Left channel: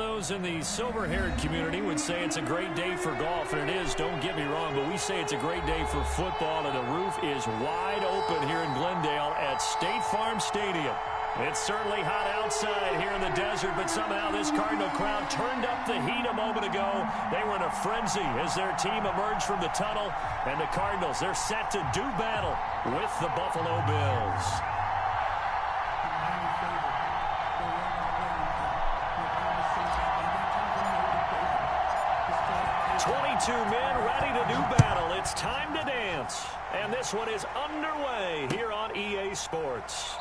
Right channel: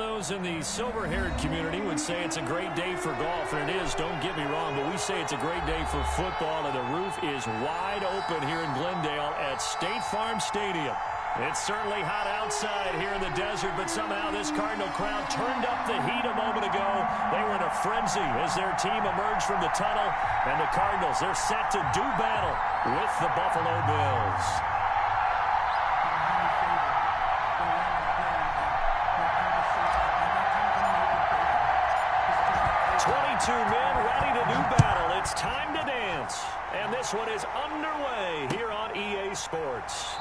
those in the silver-haired community would say it's a great day for golf, and it is, don't get me wrong, but we say it's a great day for football, and the roof is wide open here in Glendale at State Farm Stadium. It's certainly hot outside here in the desert, but somehow this Cardinal crowd turned up the heat a moment ago. They were in a frenzy as their team emerged from the tunnel, and the Cardinals, they're set to do battle with the Buffalo Bills. 22 men ready to do battle. It's time to dance. And this one is underway here on EA Sports.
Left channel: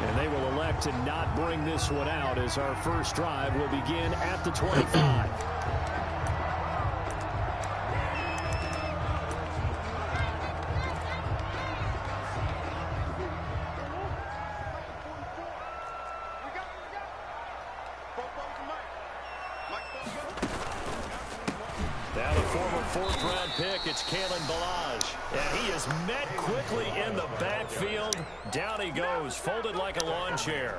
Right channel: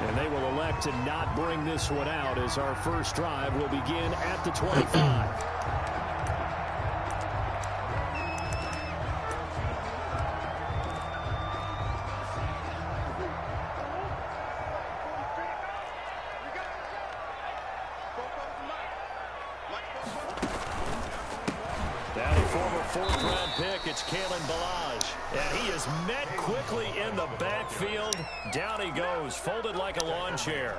And they will elect to not bring this one out as our first drive will begin at the 25. Now the former fourth-round pick, it's Kalen Ballage. And he is met quickly in the backfield. Down he goes, folded like a lawn chair.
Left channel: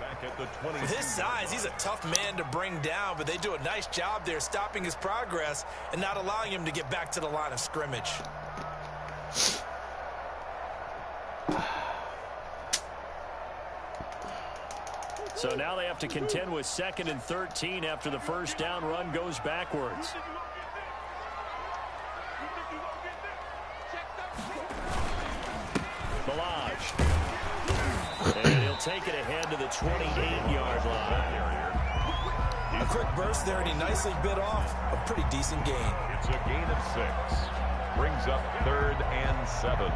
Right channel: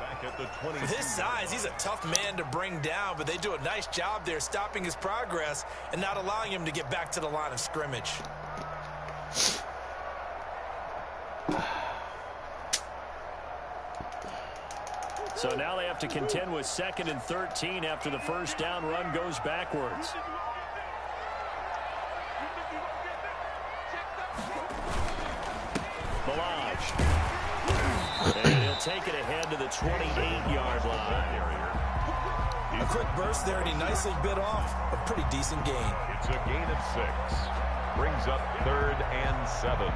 With his size, he's a tough man to bring down, but they do a nice job there stopping his progress and not allowing him to get back to the line of scrimmage. So now they have to contend with 2nd and 13 after the first down run goes backwards. Ballage. And he'll take it ahead to the 28-yard line. A quick burst there, and he nicely bit off a pretty decent gain. It's a gain of 6. Brings up 3rd and 7.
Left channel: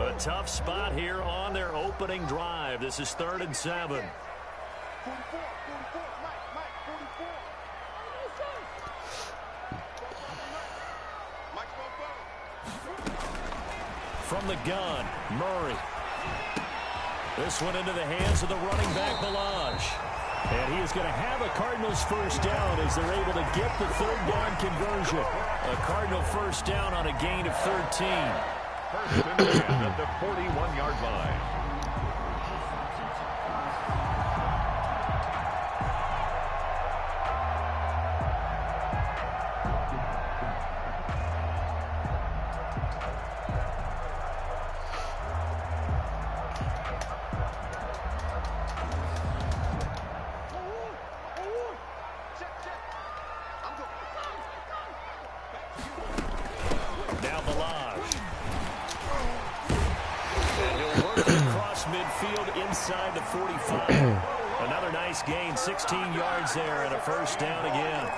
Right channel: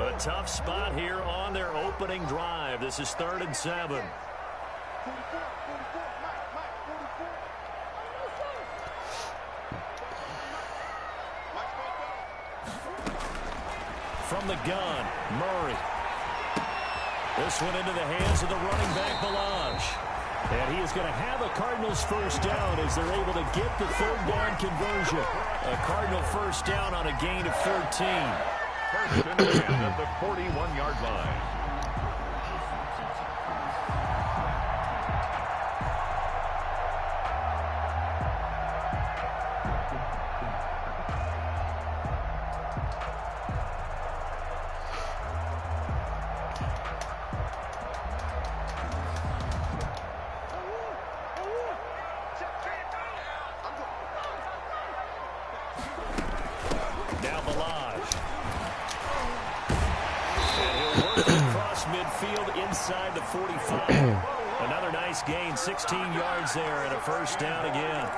A tough spot here on their opening drive. This is 3rd and 7. From the gun, Murray. This one into the hands of the running back, Ballage. And he is going to have a Cardinals first down as they're able to get the 3rd down conversion. A Cardinal first down on a gain of 13. First and 10 at the 41-yard line. Now Ballage. And he'll work across midfield inside the 45. Another nice gain, 16 yards there and a first down again.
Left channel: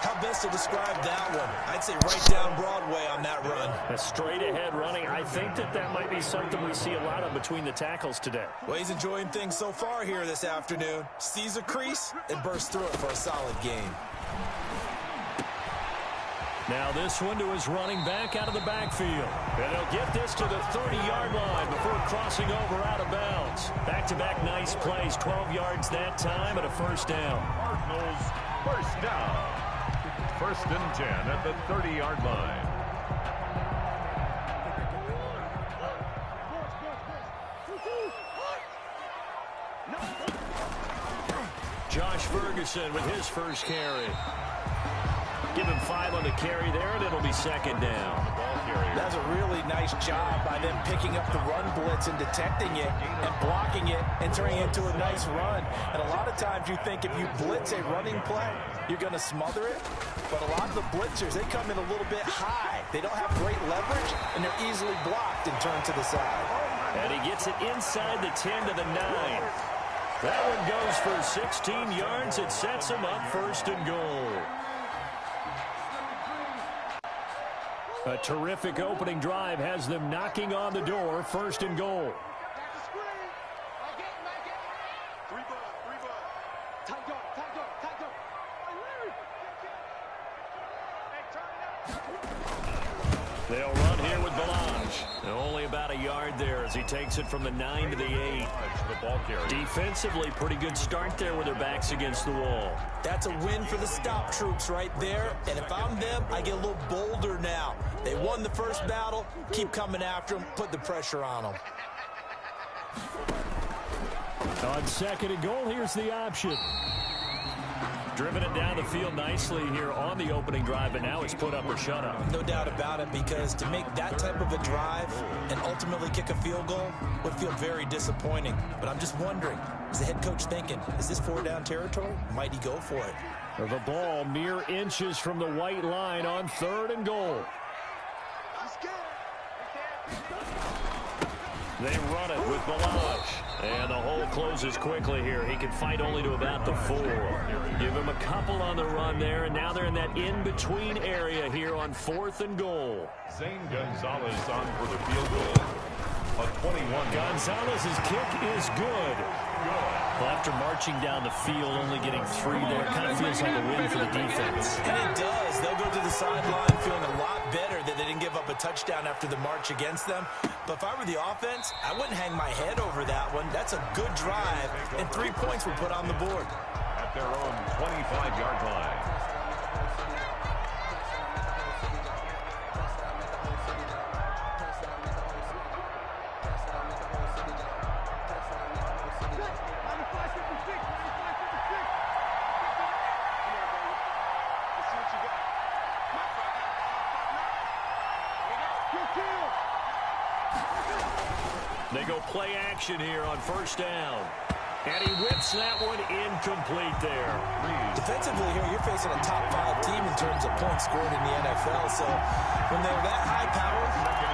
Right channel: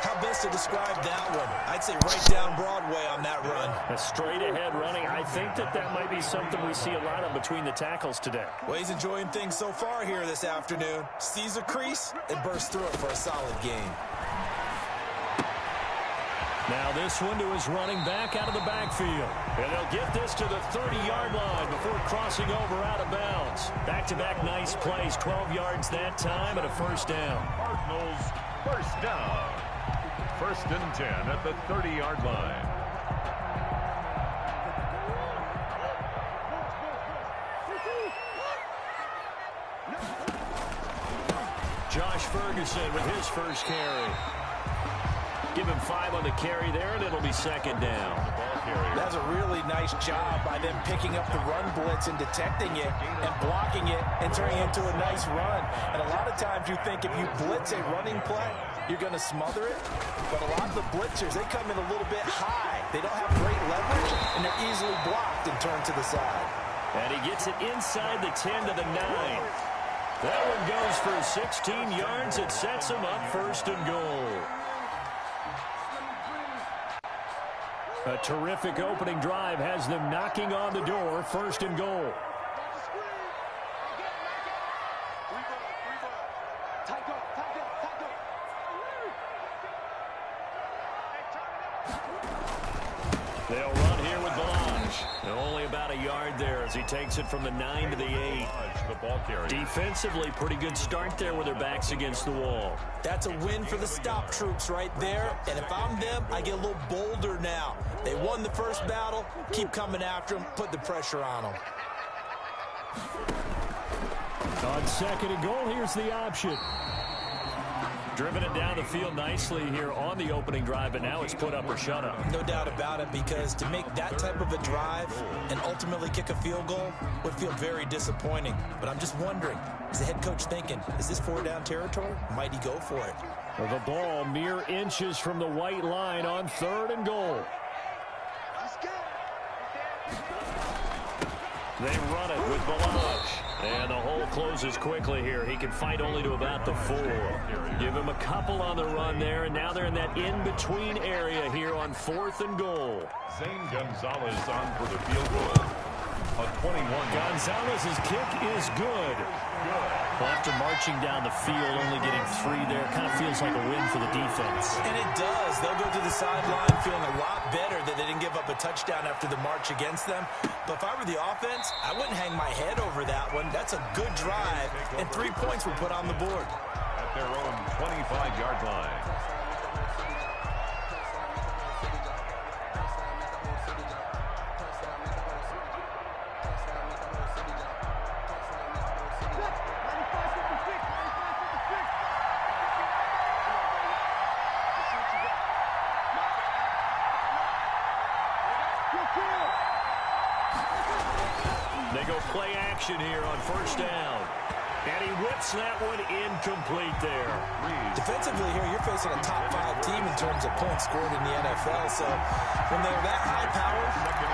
How best to describe that one? I'd say right down Broadway on that run. A straight ahead running. I think that might be something we see a lot of between the tackles today. Well, he's enjoying things so far here this afternoon. Sees a crease and bursts through it for a solid gain. Now this one to his running back out of the backfield. And they'll get this to the 30-yard line before crossing over out of bounds. Back-to-back nice plays, 12 yards that time and a first down. Cardinals first down. 1st and 10 at the 30-yard line. Josh Ferguson with his first carry. Give him 5 on the carry there, and it'll be 2nd down. That's a really nice job by them picking up the run blitz and detecting it and blocking it and turning it into a nice run. And a lot of times you think if you blitz a running play, you're going to smother it. But a lot of the blitzers, they come in a little bit high. They don't have great leverage, and they're easily blocked and turned to the side. And he gets it inside the 10 to the 9. That one goes for 16 yards. It sets him up 1st and goal. A terrific opening drive has them knocking on the door, 1st and goal. They'll run here with Balaj. Only about a yard there as he takes it from the 9 to the 8. The ball carrier. Defensively, pretty good start there with their backs against the wall. That's a win for the stop troops right there. And if I'm them, I get a little bolder now. They won the first battle. Keep coming after them. Put the pressure on them. On second and goal, here's the option. Driven it down the field nicely here on the opening drive, but now it's put up or shut up. No doubt about it, because to make that type of a drive and ultimately kick a field goal would feel very disappointing. But I'm just wondering, is the head coach thinking, is this 4-down territory? Might he go for it? The ball mere inches from the white line on third and goal. They run it with Balaj. And the hole closes quickly here. He can fight only to about the 4. Give him a couple on the run there, and now they're in that in-between area here on 4th and goal. Zane Gonzalez on for the field goal. A 21. Gonzalez's kick is good. Well, after marching down the field, only getting 3 there, kind of feels like a win for the defense. And it does. They'll go to the sideline feeling a lot better that they didn't give up a touchdown after the march against them. But if I were the offense, I wouldn't hang my head over that one. That's a good drive, and 3 points were put on the board. At their own 25-yard line. They go play action here on first down. And he whips that one incomplete there. Defensively here, you're facing a top 5 team in terms of points scored in the NFL. So when they're that high power,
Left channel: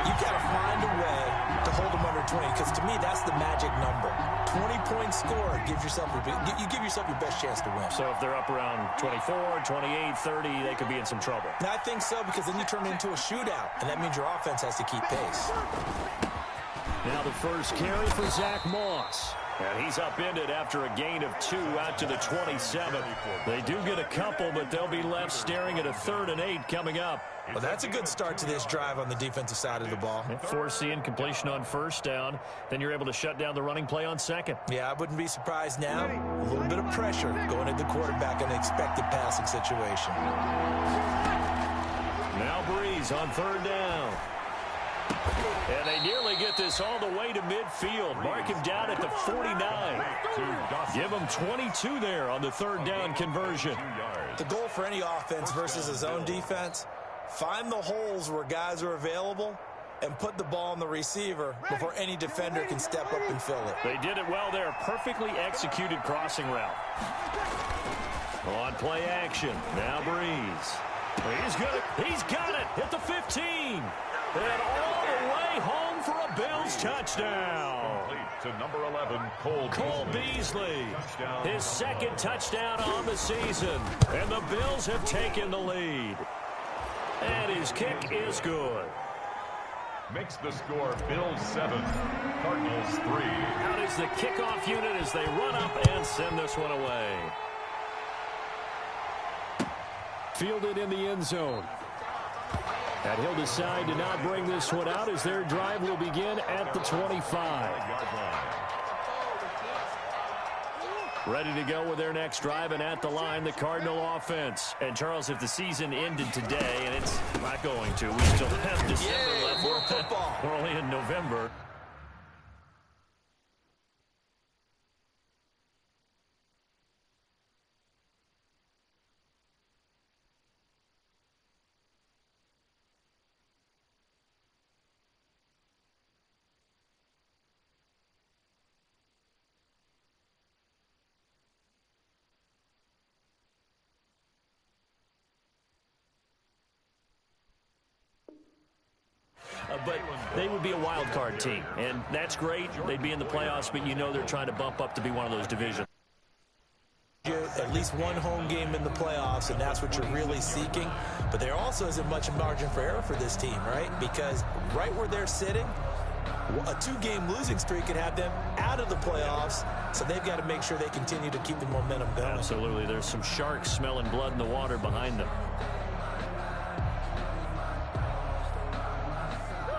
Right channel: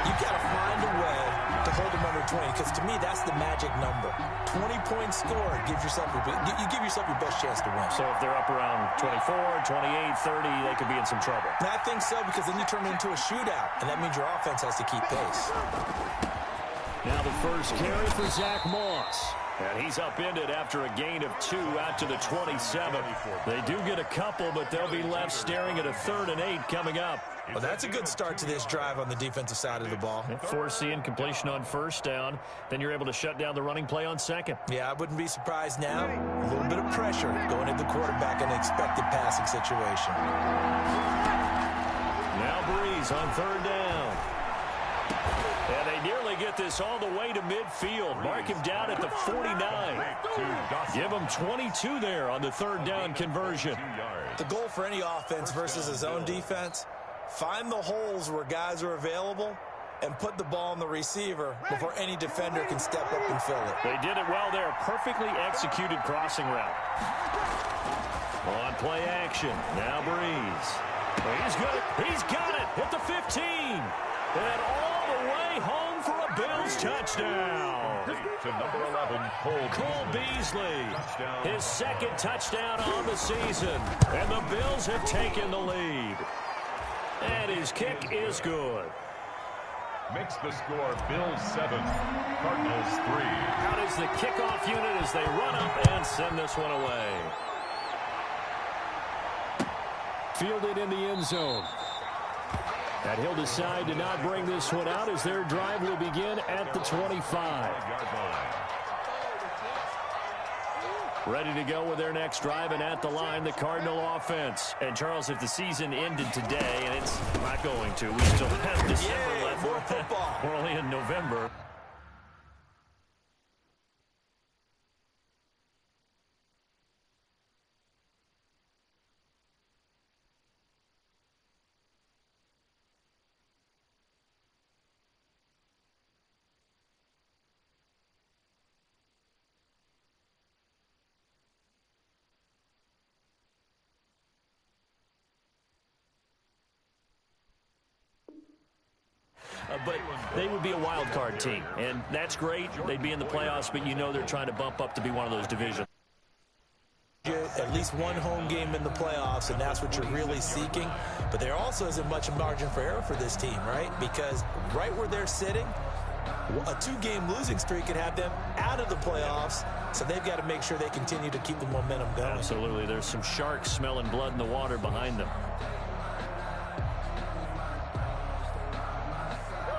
you've got to find a way to hold them under 20. Because to me, that's the magic number. 20 points scored gives yourself you give yourself your best chance to win. So if they're up around 24, 28, 30, they could be in some trouble. And I think so, because then you turn it into a shootout. And that means your offense has to keep pace. Now the first carry for Zach Moss. And he's upended after a gain of 2 out to the 27. They do get a couple, but they'll be left staring at a 3rd and 8 coming up. Well, that's a good start to this drive on the defensive side of the ball. Forcing completion on first down. Then you're able to shut down the running play on second. Yeah, I wouldn't be surprised now. A little bit of pressure going at the quarterback in an expected passing situation. Now Breeze on 3rd down. And they nearly get this all the way to midfield. Mark him down at the 49. Give him 22 there on the 3rd down conversion. The goal for any offense versus a zone defense, find the holes where guys are available and put the ball on the receiver before any defender can step up and fill it. They did it well there. Perfectly executed crossing route. On play action. Now Breeze. He's got it. Hit the 15. And all the way home for a Bills touchdown. To number 11, Cole Beasley. His 2nd touchdown on the season. And the Bills have taken the lead. And his kick is good. Makes the score Bills 7, Cardinals 3. Out is the kickoff unit as they run up and send this one away. Fielded in the end zone. And he'll decide to not bring this one out as their drive will begin at the 25. Ready to go with their next drive, and at the line, the Cardinal offense. And, Charles, if the season ended today, and it's not going to, we still have December left. More football. We're only in November. But they would be a wild card team, and that's great. They'd be in the playoffs, but you know they're trying to bump up to be one of those divisions. At least one home game in the playoffs, and that's what you're really seeking. But there also isn't much margin for error for this team, right? Because right where they're sitting, a 2-game losing streak could have them out of the playoffs, so they've got to make sure they continue to keep the momentum going. Absolutely. There's some sharks smelling blood in the water behind them.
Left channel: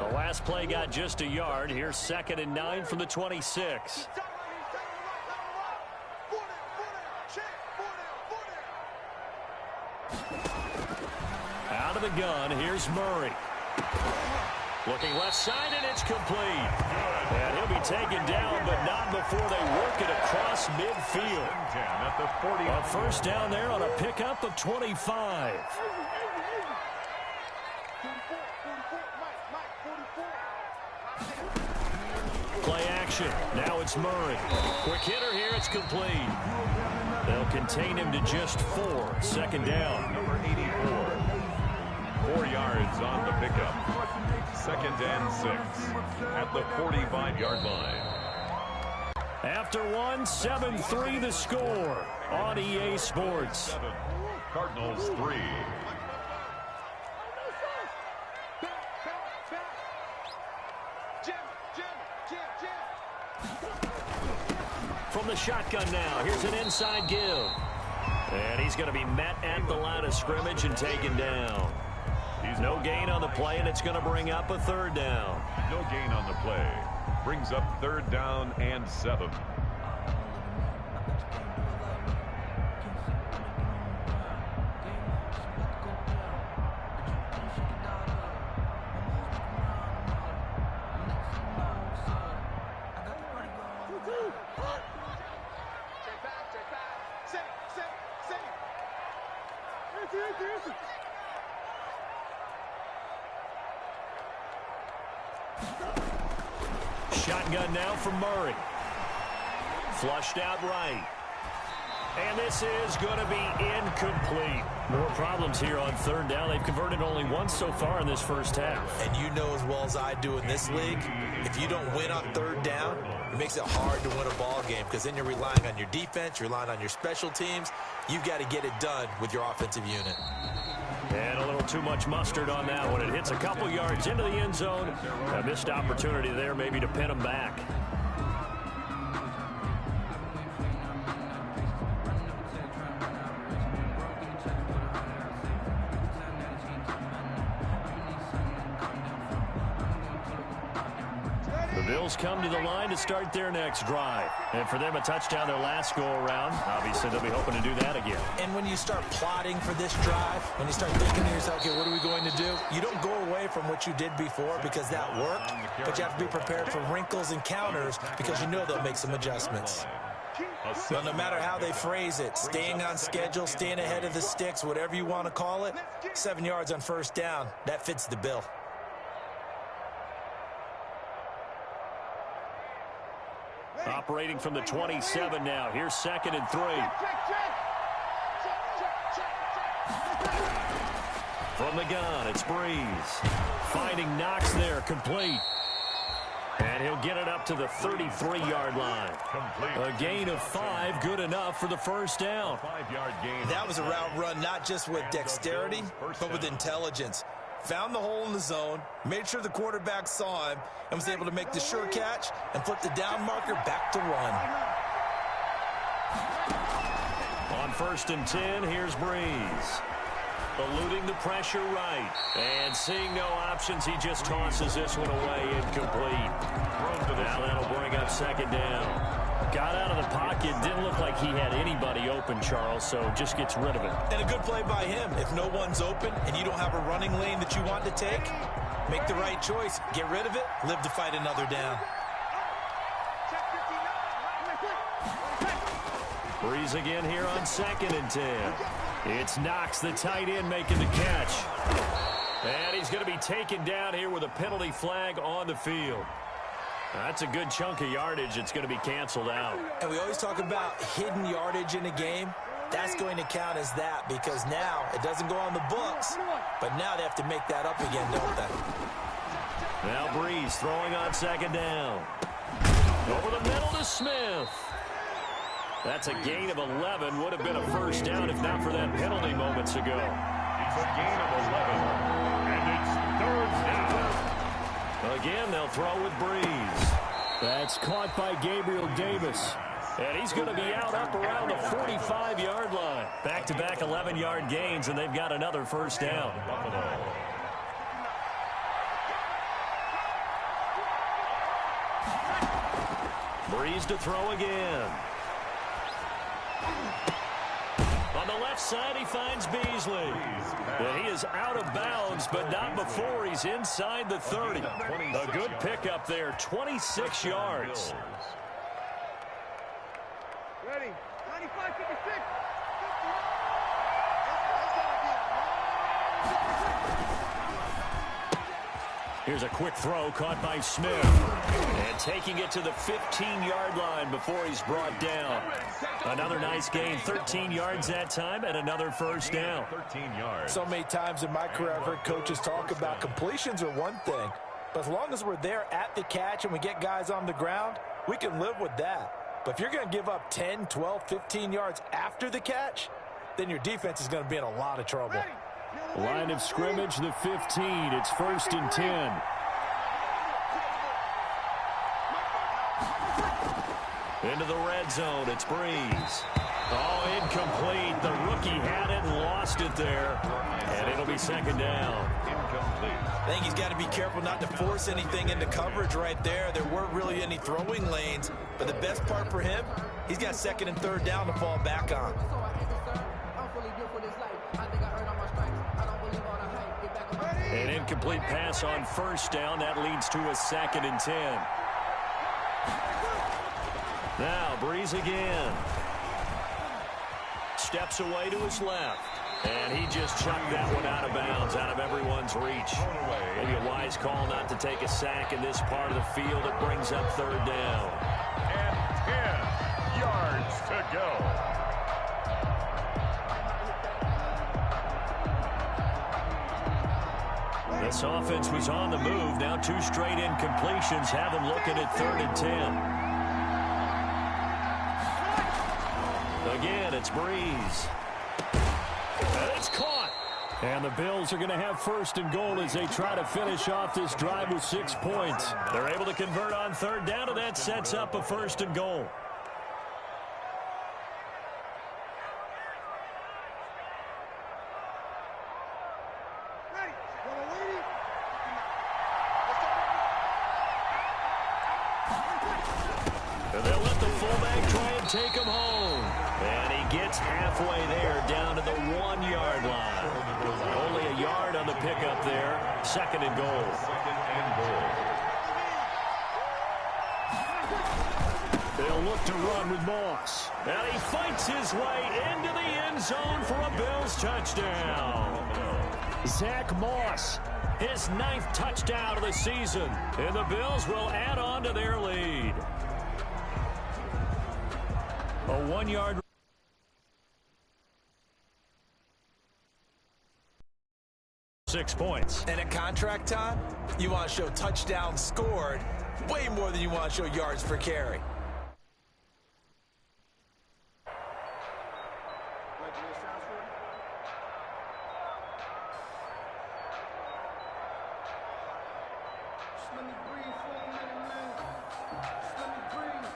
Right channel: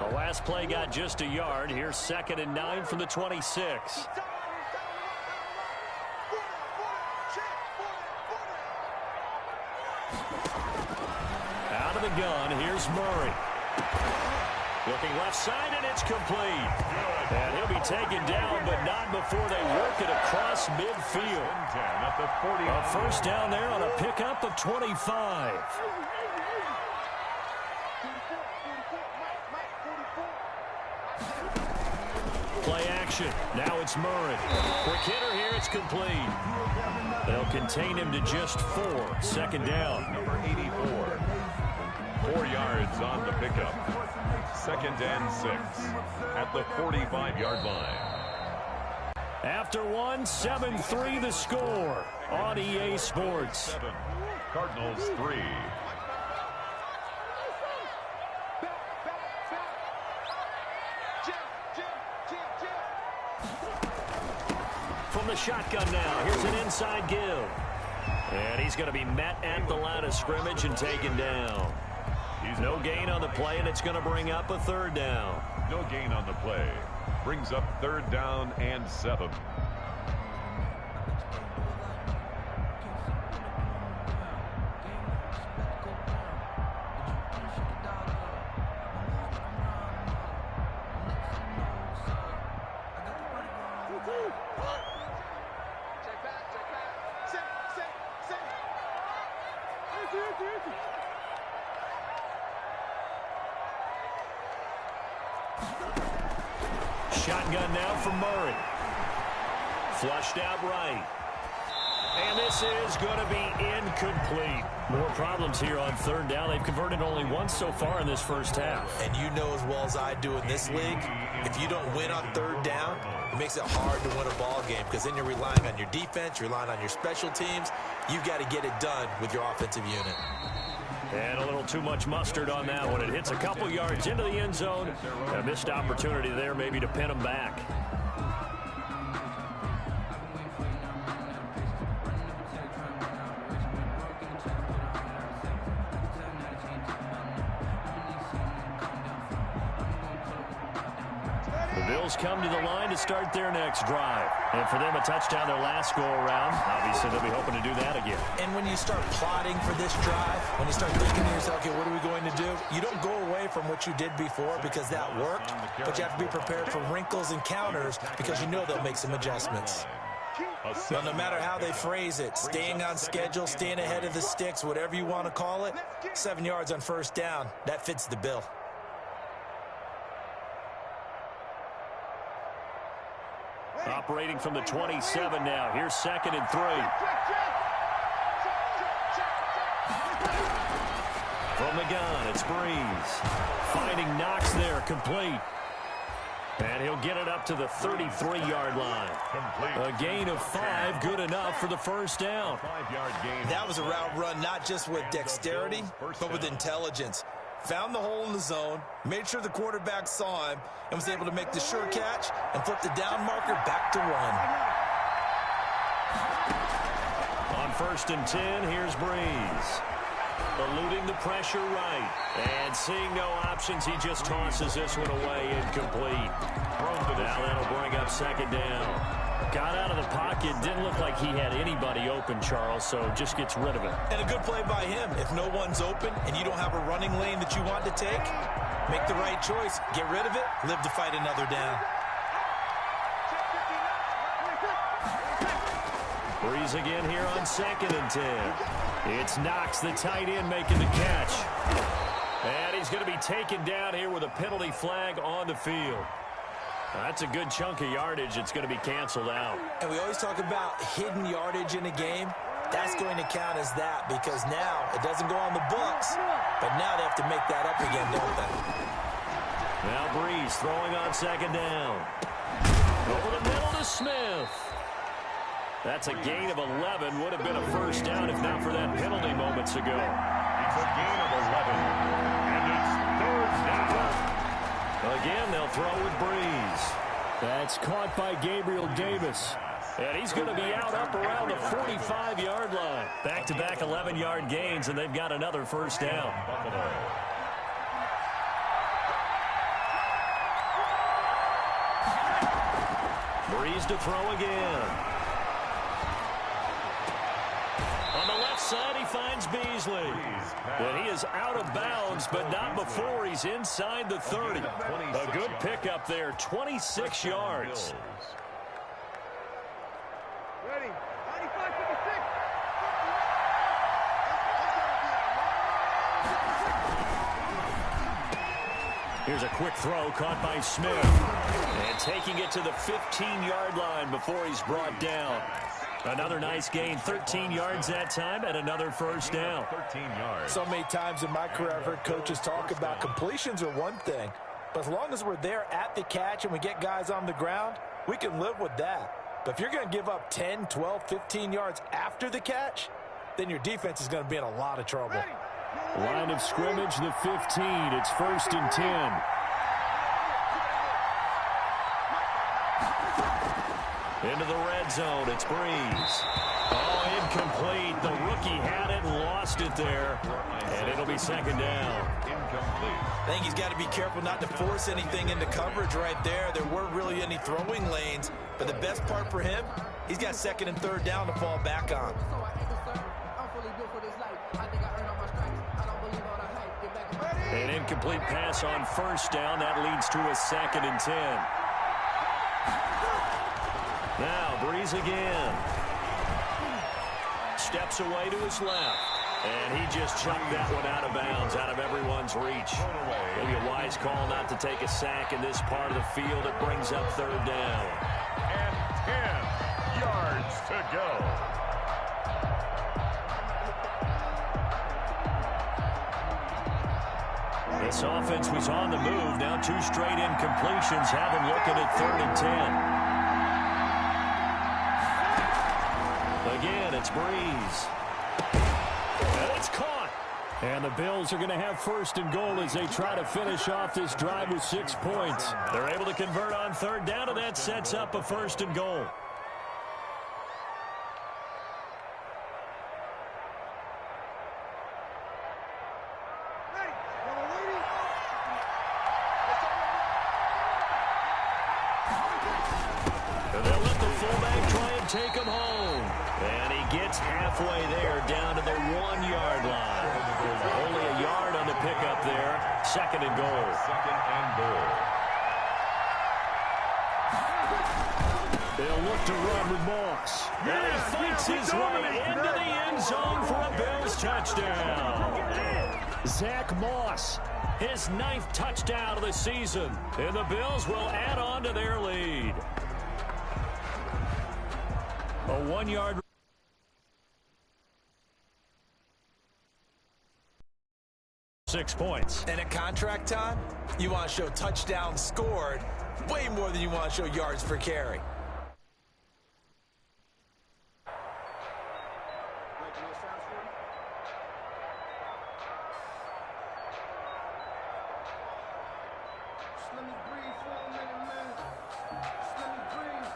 The last play got just a yard. Here's 2nd and 9 from the 26. Out of the gun, here's Murray. Looking left side, and it's complete. And he'll be taken down, but not before they work it across midfield. A first down there on a pickup of 25. Play action. Now it's Murray. Quick hitter here. It's complete. They'll contain him to just 4. 2nd down. Number 84. 4 yards on the pickup. 2nd and 6 at the 45-yard line. After 1, 7-3 the score on EA Sports. 7, Cardinals 3. From the shotgun now, here's an inside give. And he's going to be met at the line of scrimmage and taken down. No gain on the play, and it's going to bring up a 3rd down. No gain on the play. Brings up 3rd down and 7. Shotgun now for Murray. Flushed out right. And this is going to be incomplete. More problems here on 3rd down. They've converted only once so far in this first half. And you know as well as I do in this league, if you don't win on 3rd down, it makes it hard to win a ball game because then you're relying on your defense, you're relying on your special teams. You've got to get it done with your offensive unit. And a little too much mustard on that one. It hits a couple yards into the end zone. A missed opportunity there maybe to pin them back. The Bills come to the line to start their next drive. And for them, a touchdown their last go-around. Obviously, they'll be hoping to do that again. And when you start plotting for this drive, when you start thinking to yourself, okay, what are we going to do? You don't go away from what you did before because that worked, but you have to be prepared for wrinkles and counters because you know they'll make some adjustments. Well, no matter how they phrase it, staying on schedule, staying ahead of the sticks, whatever you want to call it, 7 yards on 1st down, that fits the bill. Operating from the 27 now. Here's 2nd and 3. From the gun, it's Breeze. Finding Knox there, complete. And he'll get it up to the 33-yard line. A gain of 5, good enough for the first down. 5-yard gain. That was a route run not just with dexterity, but with intelligence. Found the hole in the zone, made sure the quarterback saw him, and was able to make the sure catch and flip the down marker back to 1. On 1st and 10, here's Breeze. Eluding the pressure right. And seeing no options, he just tosses this one away, incomplete. Now that'll bring up 2nd down. Got out of the pocket, didn't look like he had anybody open, Charles, so just gets rid of it. And a good play by him. If no one's open and you don't have a running lane that you want to take, make the right choice. Get rid of it, live to fight another down. Breeze again here on 2nd and 10. It's Knox, the tight end, making the catch. And he's going to be taken down here with a penalty flag on the field. That's a good chunk of yardage. It's going to be canceled out. And we always talk about hidden yardage in a game. That's going to count as that because now it doesn't go on the books, but now they have to make that up again, don't they? Now Breeze throwing on 2nd down. Over the middle to Smith. That's a gain of 11. Would have been a first down if not for that penalty moments ago. It's a gain of 11, and it's 3rd down. Again, they'll throw with Breeze. That's caught by Gabriel Davis. And he's going to be out up around the 45-yard line. Back-to-back 11-yard gains, and they've got another first down. Breeze to throw again. On the left side, he finds Beasley. And he is out of bounds, but not before he's inside the 30. A good pickup there, 26 yards. Ready, 95, 56. Here's a quick throw caught by Smith. And taking it to the 15-yard line before he's brought down. Another nice gain, 13 yards that time, and another first down. 13 yards. So many times in my career I've heard coaches talk about completions are one thing, but as long as we're there at the catch and we get guys on the ground, we can live with that. But if you're going to give up 10, 12, 15 yards after the catch, then your defense is going to be in a lot of trouble. Line of scrimmage, the 15. It's 1st and 10. Into the red zone, it's Breeze. Oh, incomplete. The rookie had it and lost it there. And it'll be second down. Incomplete. I think he's got to be careful not to force anything into coverage right there. There weren't really any throwing lanes. But the best part for him, he's got 2nd and 3rd down to fall back on. An incomplete pass on 1st down. That leads to a 2nd and 10. Now, Breeze again. Steps away to his left. And he just chucked that one out of bounds, out of everyone's reach. Maybe a wise call not to take a sack in this part of the field. It brings up 3rd down. And 10 yards to go. This offense was on the move. Now 2 straight incompletions have them looking at 3rd and 10. Again, it's Breeze. And it's caught. And the Bills are going to have 1st and goal as they try to finish off this drive with 6 points. They're able to convert on 3rd down, and that sets up a 1st and goal. They'll let the fullback try and take him home. And he gets halfway there down to the 1-yard line. Only a yard on the pickup there. 2nd and goal. 2nd and goal. They'll look to run with Moss. And he fights his way into the end zone for a Bills touchdown. Zach Moss, his 9th touchdown of the season. And the Bills will add on to their lead. A 1-yard. 6 points. And at contract time, you want to show touchdowns scored way more than you want to show yards per carry. Let me breathe for a minute, man. Let me breathe.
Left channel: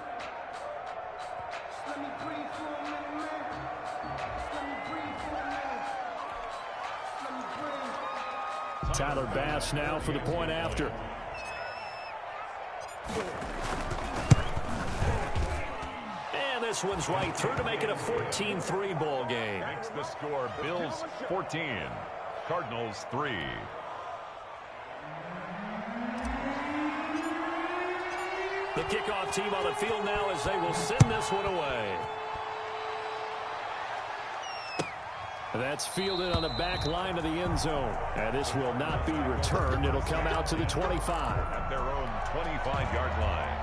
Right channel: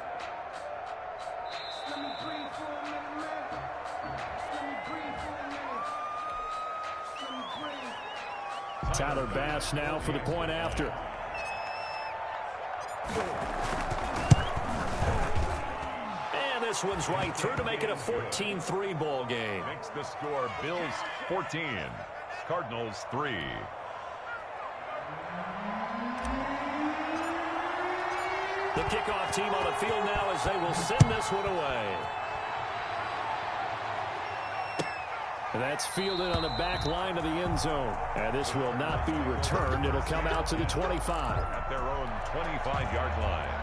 Let me breathe for a minute, man. Let me breathe for a minute. Let me breathe. Tyler Bass now for the point after. And this one's right through to make it a 14-3 ball game. Makes the score Bills 14, Cardinals 3. The kickoff team on the field now as they will send this one away. That's fielded on the back line of the end zone. And this will not be returned. It'll come out to the 25. At their own 25-yard line.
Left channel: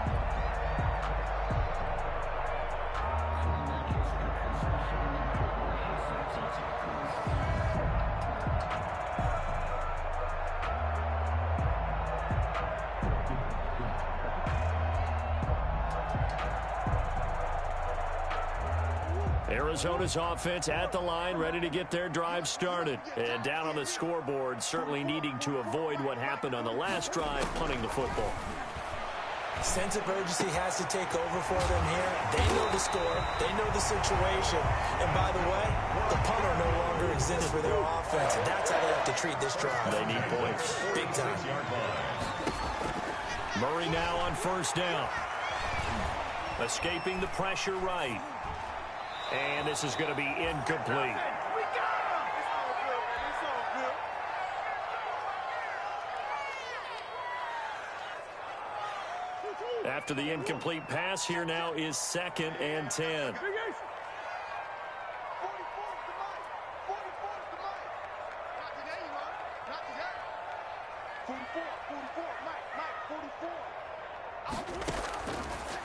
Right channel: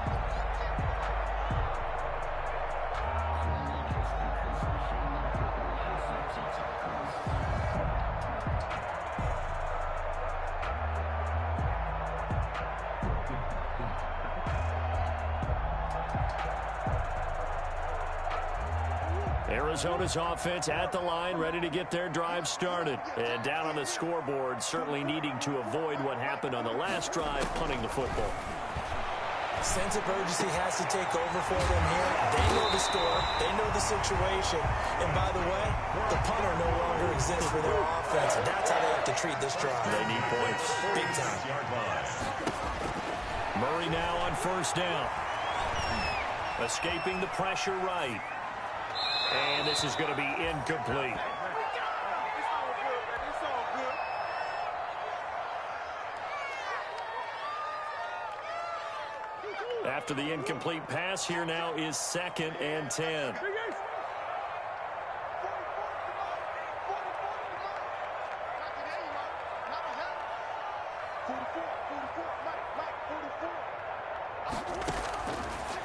Arizona's offense at the line, ready to get their drive started. And down on the scoreboard, certainly needing to avoid what happened on the last drive, punting the football. Sense of urgency has to take over for them here. They know the score. They know the situation. And by the way, the punter no longer exists for their offense. And that's how they have to treat this drive. They need points. Big time. Murray now on 1st down. Escaping the pressure right. And this is going to be incomplete. After the incomplete pass, here now is 2nd and 10.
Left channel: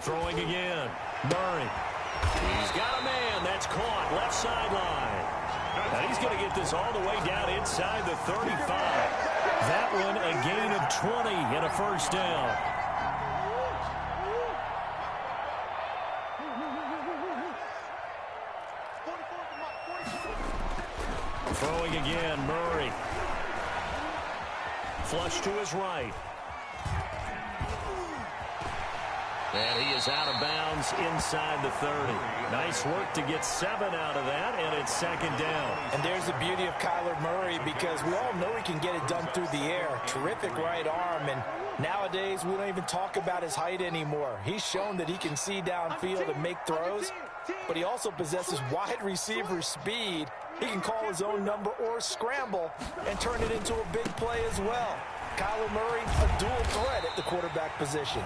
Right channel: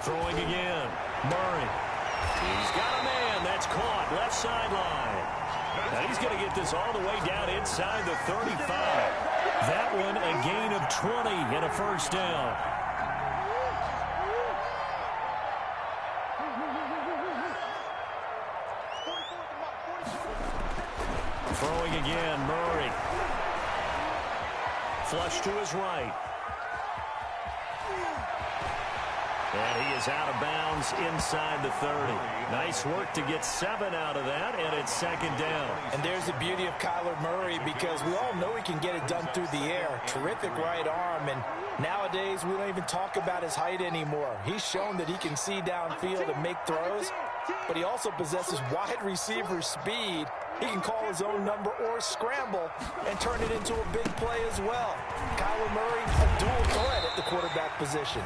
Throwing again. Murray. He's got a man. That's caught. Left sideline. Now he's going to get this all the way down inside the 35. That one a gain of 20 and a first down. Throwing again, Murray. Flush to his right. And he is out of bounds inside the 30. Nice work to get 7 out of that, and it's 2nd down. And there's the beauty of Kyler Murray, because we all know he can get it done through the air. Terrific right arm, and nowadays we don't even talk about his height anymore. He's shown that he can see downfield and make throws, but he also possesses wide receiver speed. He can call his own number or scramble and turn it into a big play as well. Kyler Murray, a dual threat at the quarterback position.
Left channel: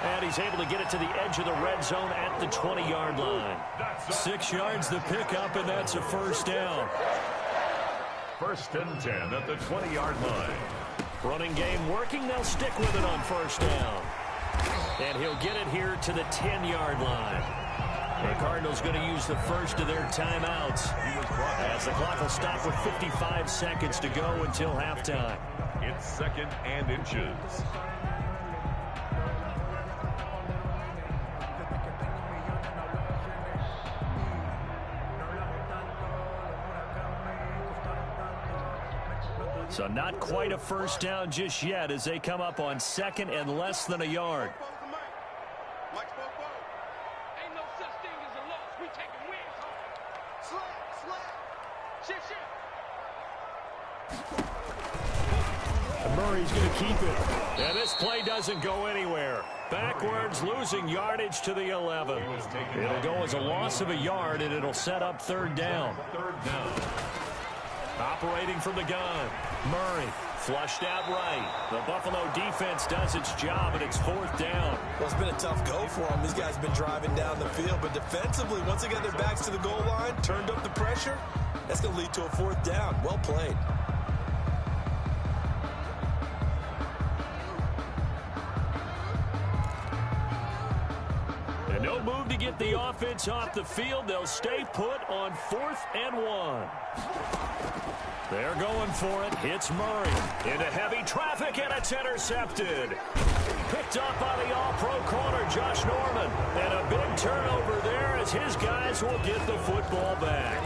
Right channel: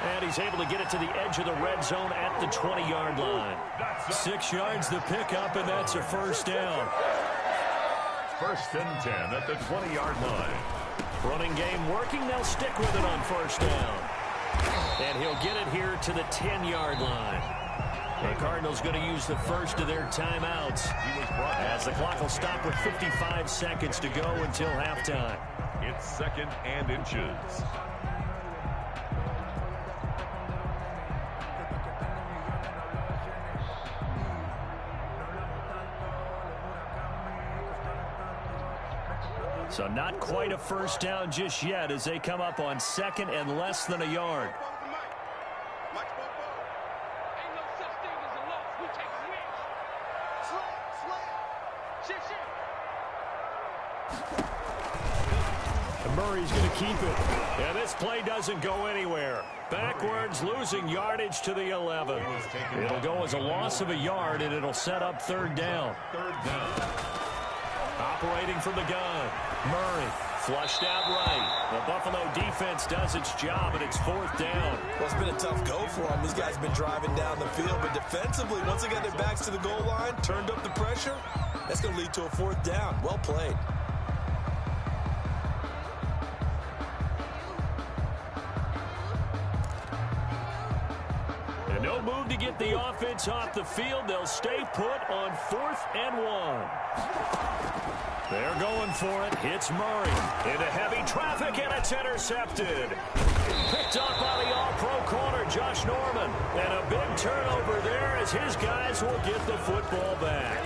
And he's able to get it to the edge of the red zone at the 20-yard line. 6 yards the pickup, and that's a first down. 1st and 10 at the 20-yard line. Running game working. They'll stick with it on first down. And he'll get it here to the 10-yard line. The Cardinals going to use the first of their timeouts as the clock will stop with 55 seconds to go until halftime. It's 2nd and inches. So not quite a first down just yet as they come up on 2nd and less than a yard. Ain't no such thing as a loss. We taking wins home. Shit. And Murray's going to keep it. Yeah, this play doesn't go anywhere. Backwards, losing yardage to the 11. It'll go as a loss of a yard, and it'll set up 3rd down. Operating from the gun. Murray flushed out right. The Buffalo defense does its job, and it's 4th down. Well, it's been a tough go for them. These guys have been driving down the field, but defensively, once they got their backs to the goal line, turned up the pressure, that's going to lead to a 4th down. Well played. And no move to get the offense off the field. They'll stay put on 4th and 1. They're going for it. Hits Murray into heavy traffic, and it's intercepted. Picked up by the all-pro corner, Josh Norman. And a big turnover there as his guys will get the football back.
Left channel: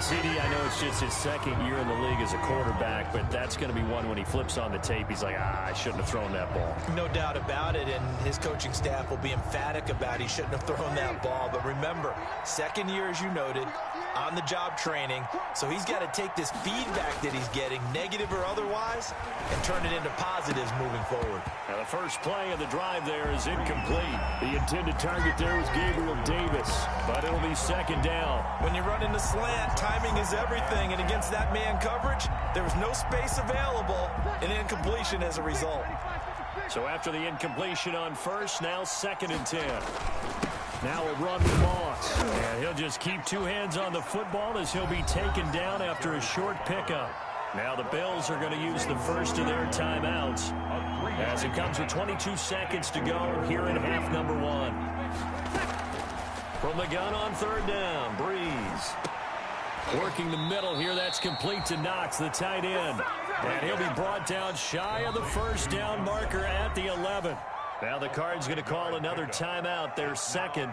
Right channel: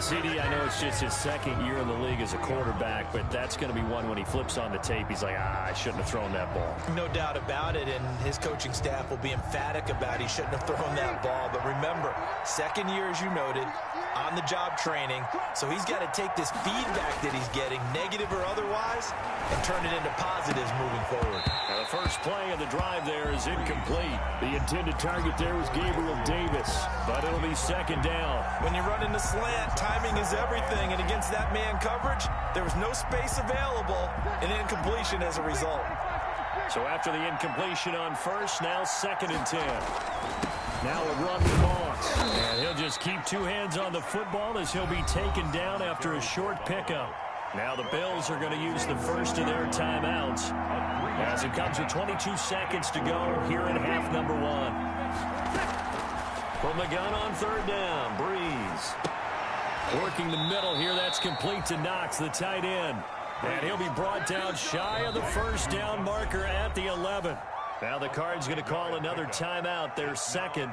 CD, I know it's just his 2nd year in the league as a quarterback, but that's going to be one when he flips on the tape. He's like, I shouldn't have thrown that ball. No doubt about it, and his coaching staff will be emphatic about he shouldn't have thrown that ball. But remember, 2nd year, as you noted, on-the-job training, so he's got to take this feedback that he's getting, negative or otherwise, and turn it into positives moving forward. Now the first play of the drive there is incomplete. The intended target there was Gabriel Davis, but it'll be 2nd down. When you run in the slant, timing is everything, and against that man coverage, there was no space available, and incompletion as a result. So after the incompletion on first, now 2nd and 10. Now a run with Moss. And he'll just keep 2 hands on the football as he'll be taken down after a short pickup. Now the Bills are going to use the first of their timeouts as it comes with 22 seconds to go here in half number 1. From the gun on 3rd down, Breeze. Working the middle here, that's complete to Knox, the tight end. And he'll be brought down shy of the first down marker at the 11. Now the Cards going to call another timeout, their 2nd,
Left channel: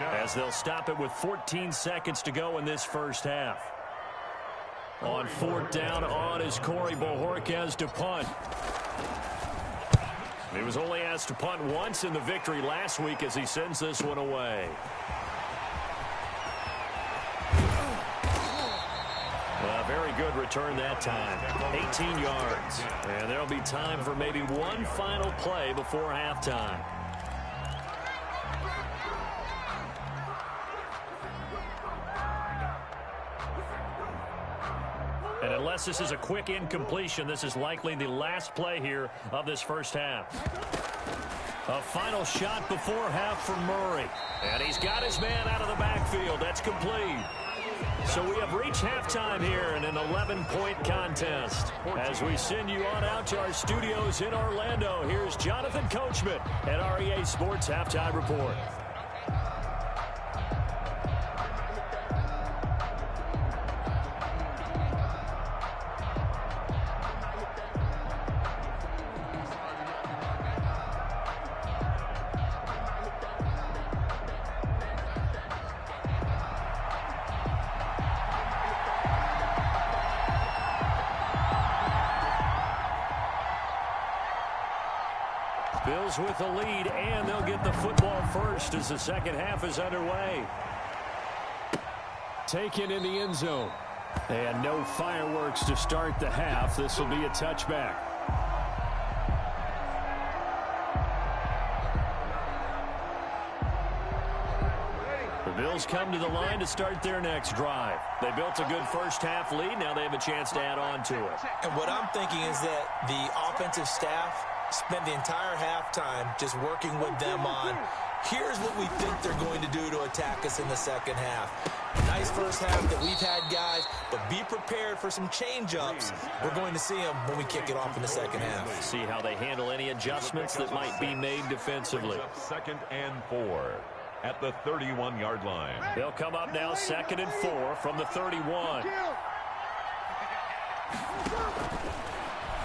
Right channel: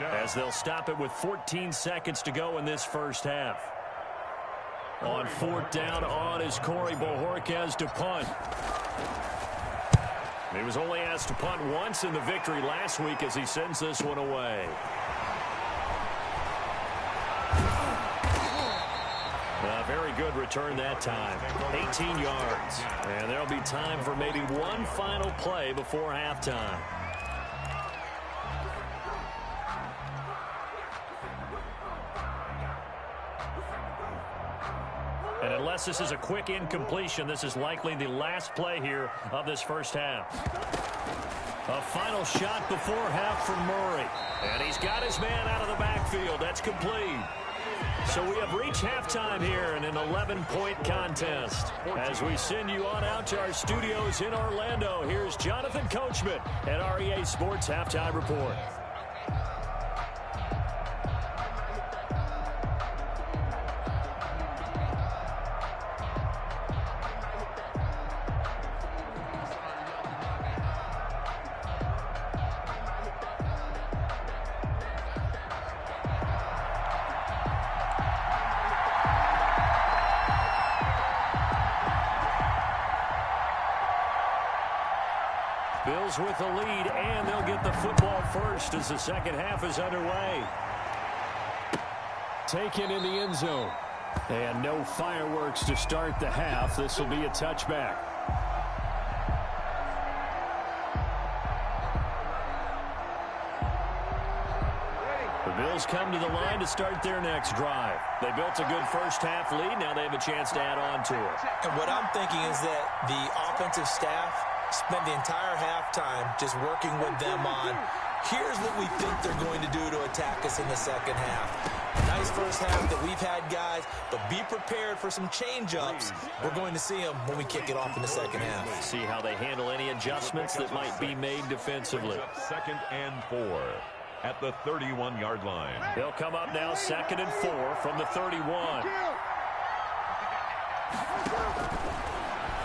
as they'll stop it with 14 seconds to go in this first half. On 4th down, on is Corey Bojorquez to punt. He was only asked to punt once in the victory last week as he sends this one away. Very good return that time. 18 yards. And there'll be time for maybe one final play before halftime. Unless this is a quick incompletion, this is likely the last play here of this first half. A final shot before half from Murray. And he's got his man out of the backfield. That's complete. So we have reached halftime here in an 11-point contest. As we send you on out to our studios in Orlando, here's Jonathan Coachman at REA Sports Halftime Report. Bills with the lead, and they'll get the football first as the second half is underway. Taken in the end zone. And no fireworks to start the half. This will be a touchback. The Bills come to the line to start their next drive. They built a good first half lead. Now they have a chance to add on to it. And what I'm thinking is that the offensive staff spent the entire halftime just working with them on, here's what we think they're going to do to attack us in the second half. Nice first half that we've had, guys, but be prepared for some change-ups. We're going to see them when we kick it off in the second half. See how they handle any adjustments that might be made defensively. 2nd and 4 at the 31-yard line. They'll come up now 2nd and 4 from the 31.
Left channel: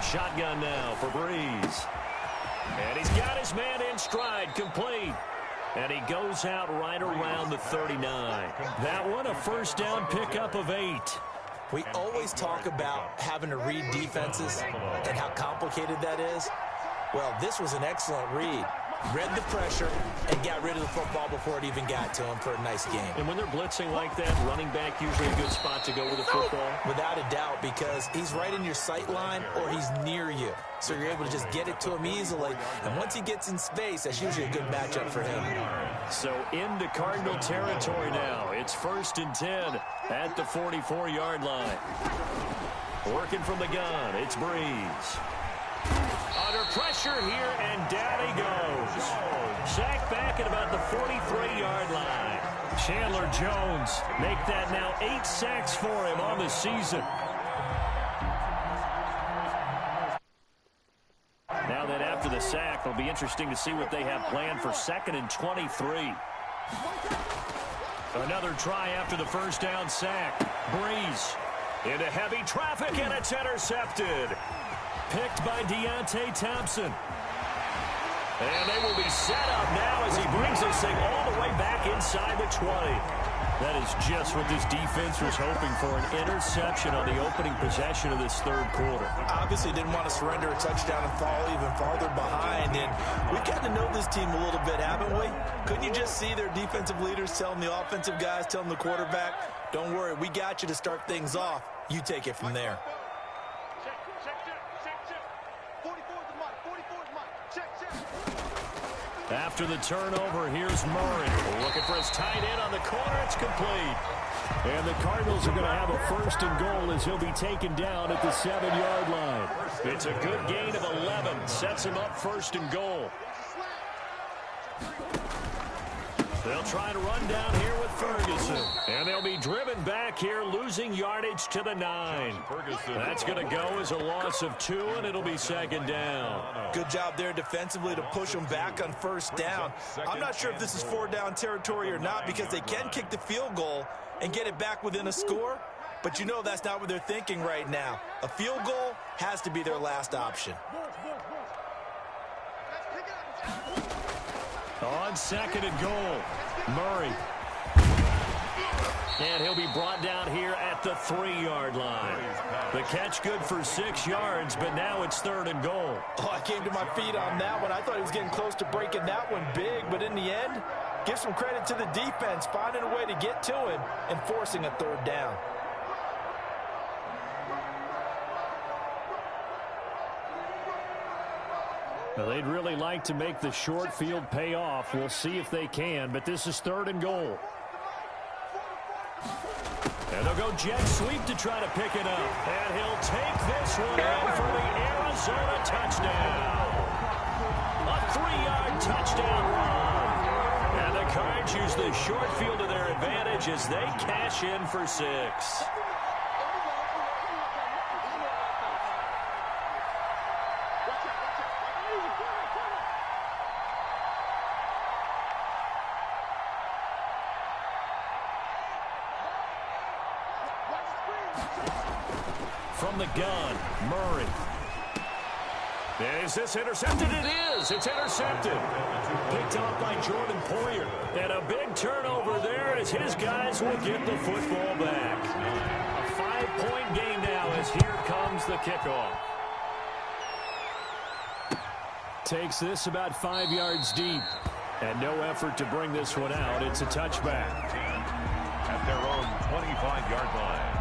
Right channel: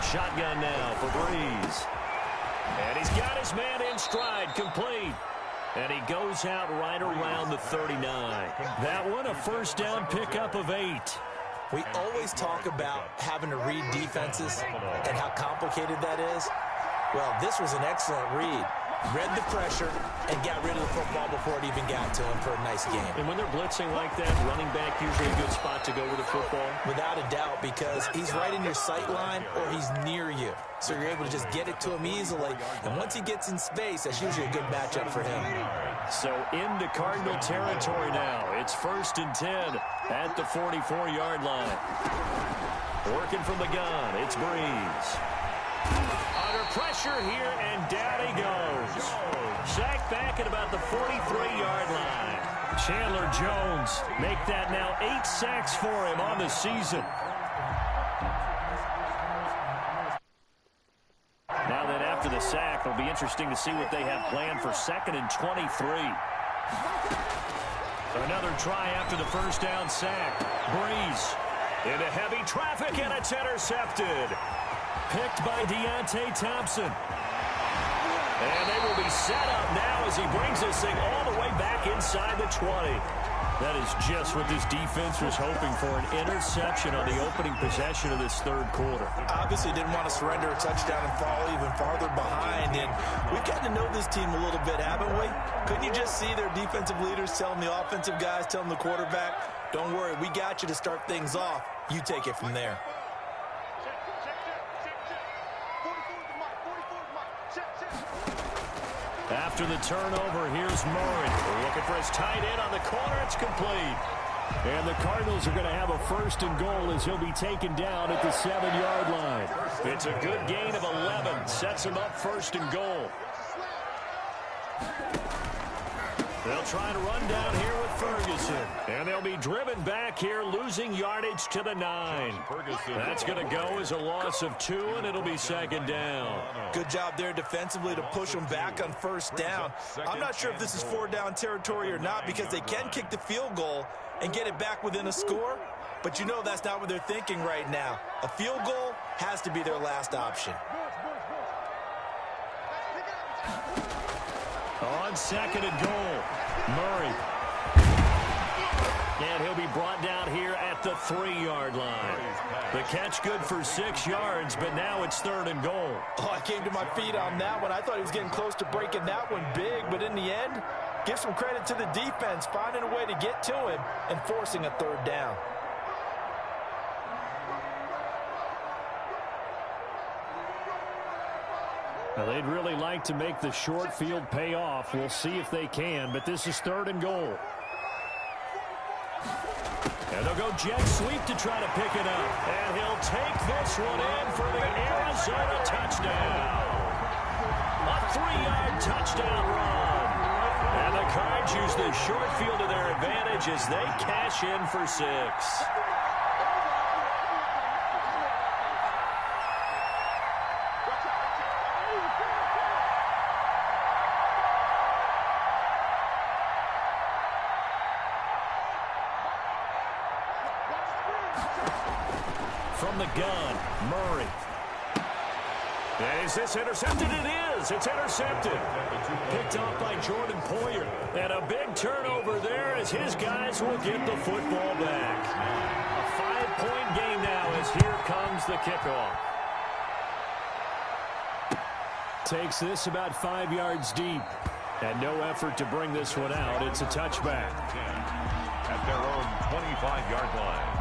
Shotgun now for Breeze. And he's got his man in stride, complete. And he goes out right around the 39. That one, a first down pickup of 8. We always talk about having to read defenses and how complicated that is. Well, this was an excellent read. Read the pressure and got rid of the football before it even got to him for a nice game. And when they're blitzing like that, running back usually a good spot to go with the football? Without a doubt, because he's right in your sight line or he's near you. So you're able to just get it to him easily. And once he gets in space, that's usually a good matchup for him. So into Cardinal territory now. It's 1st and 10 at the 44-yard line. Working from the gun, it's Breeze. Under pressure here, and down he goes. Sacked back at about the 43-yard line. Chandler Jones make that now 8 sacks for him on the season. Now that after the sack, it'll be interesting to see what they have planned for 2nd and 23. Another try after the first down sack. Breeze into heavy traffic, and it's intercepted. Picked by Deontay Thompson. And they will be set up now as he brings this thing all the way back inside the 20. That is just what this defense was hoping for, an interception on the opening possession of this third quarter. Obviously didn't want to surrender a touchdown and fall even farther behind. And we've gotten to know this team a little bit, haven't we? Couldn't you just see their defensive leaders telling the offensive guys, telling the quarterback, don't worry, we got you to start things off. You take it from there. After the turnover, here's Murray. Looking for his tight end on the corner. It's complete. And the Cardinals are going to have a 1st and goal as he'll be taken down at the 7-yard line. It's a good gain of 11. Sets him up 1st and goal. They'll try to run down here with Ferguson. And they'll be driven back here, losing yardage to the 9. That's going to go as a loss of 2, and it'll be 2nd down. Good job there defensively to push them back on 1st down. I'm not sure if this is 4-down territory or not because they can kick the field goal and get it back within a score. But you know that's not what they're thinking right now. A field goal has to be their last option. On 2nd and goal, Murray. And he'll be brought down here at the 3-yard line. The catch good for 6 yards, but now it's 3rd and goal. Oh, I came to my feet on that one. I thought he was getting close to breaking that one big, but in the end, give some credit to the defense, finding a way to get to him and forcing a 3rd down. Now, they'd really like to make the short field pay off. We'll see if they can, but this is 3rd and goal. And they'll go jet sweep to try to pick it up. And he'll take this one in for the Arizona touchdown. A 3-yard touchdown run. And the Cards use the short field to their advantage as they cash in for 6. From the gun, Murray. And is this intercepted? It is. It's intercepted. Picked off by Jordan Poyer. And a big turnover there as his guys will get the football back. A 5-point game now as here comes the kickoff. Takes this about 5 yards deep. And no effort to bring this one out. It's a touchback. At their own 25-yard line.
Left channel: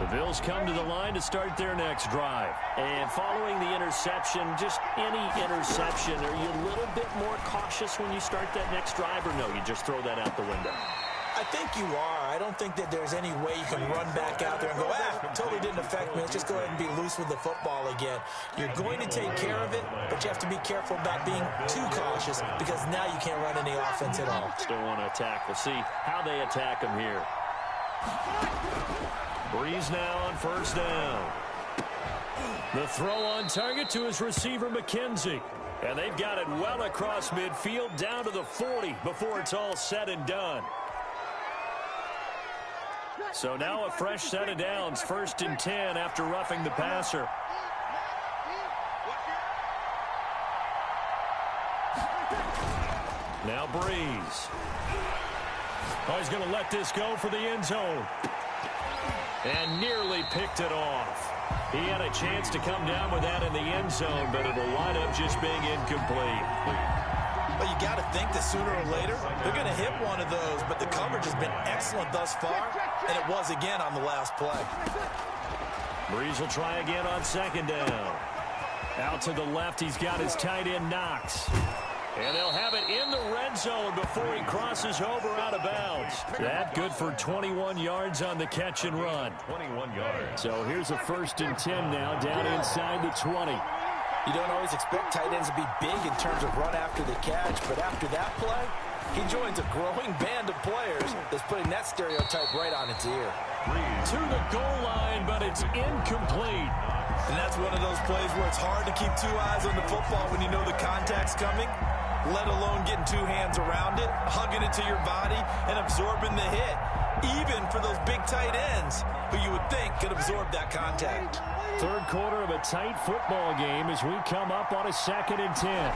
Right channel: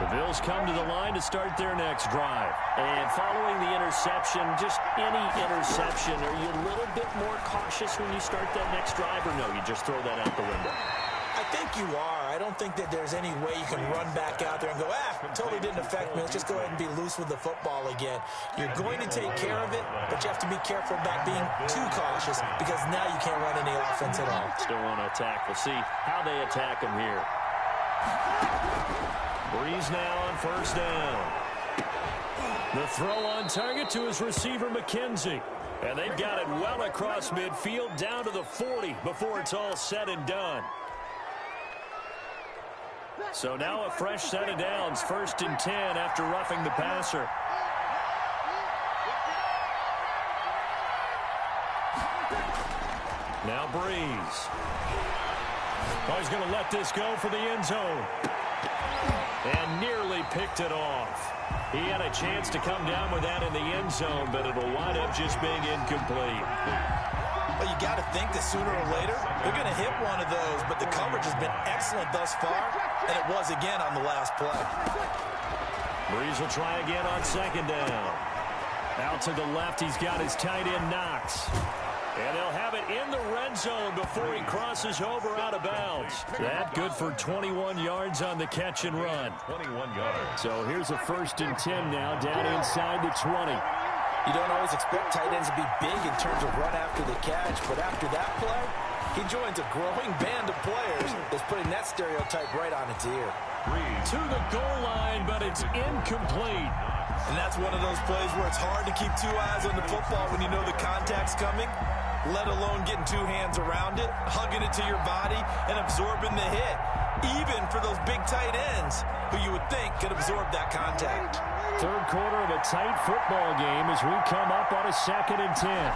The Bills come to the line to start their next drive. And following the interception, just any interception, are you a little bit more cautious when you start that next drive, or no, you just throw that out the window? I think you are. I don't think that there's any way you can run back out there and go, totally didn't affect me. Let's just go ahead and be loose with the football again. You're going to take care of it, but you have to be careful about being too cautious because now you can't run any offense at all. Still want to attack. We'll see how they attack them here. Breeze now on first down. The throw on target to his receiver, McKenzie. And they've got it well across midfield down to the 40 before it's all said and done. So now a fresh set of downs, 1st and 10 after roughing the passer. Now Breeze. Oh, he's going to let this go for the end zone. And nearly picked it off. He had a chance to come down with that in the end zone, but it'll wind up just being incomplete. Well, you got to think that sooner or later they're going to hit one of those, but the coverage has been excellent thus far, and it was again on the last play. Breeze will try again on 2nd down. Out to the left, he's got his tight end Knox. And they'll have it in the red zone before he crosses over out of bounds. That good for 21 yards on the catch and run. 21 yards. So here's a 1st and 10 now down inside the 20. You don't always expect tight ends to be big in terms of run after the catch, but after that play, he joins a growing band of players that's putting that stereotype right on its ear. To the goal line, but it's incomplete. And that's one of those plays where it's hard to keep 2 eyes on the football when you know the contact's coming, let alone getting 2 hands around it, hugging it to your body, and absorbing the hit, even for those big tight ends who you would think could absorb that contact. 3rd quarter of a tight football game as we come up on a 2nd and 10.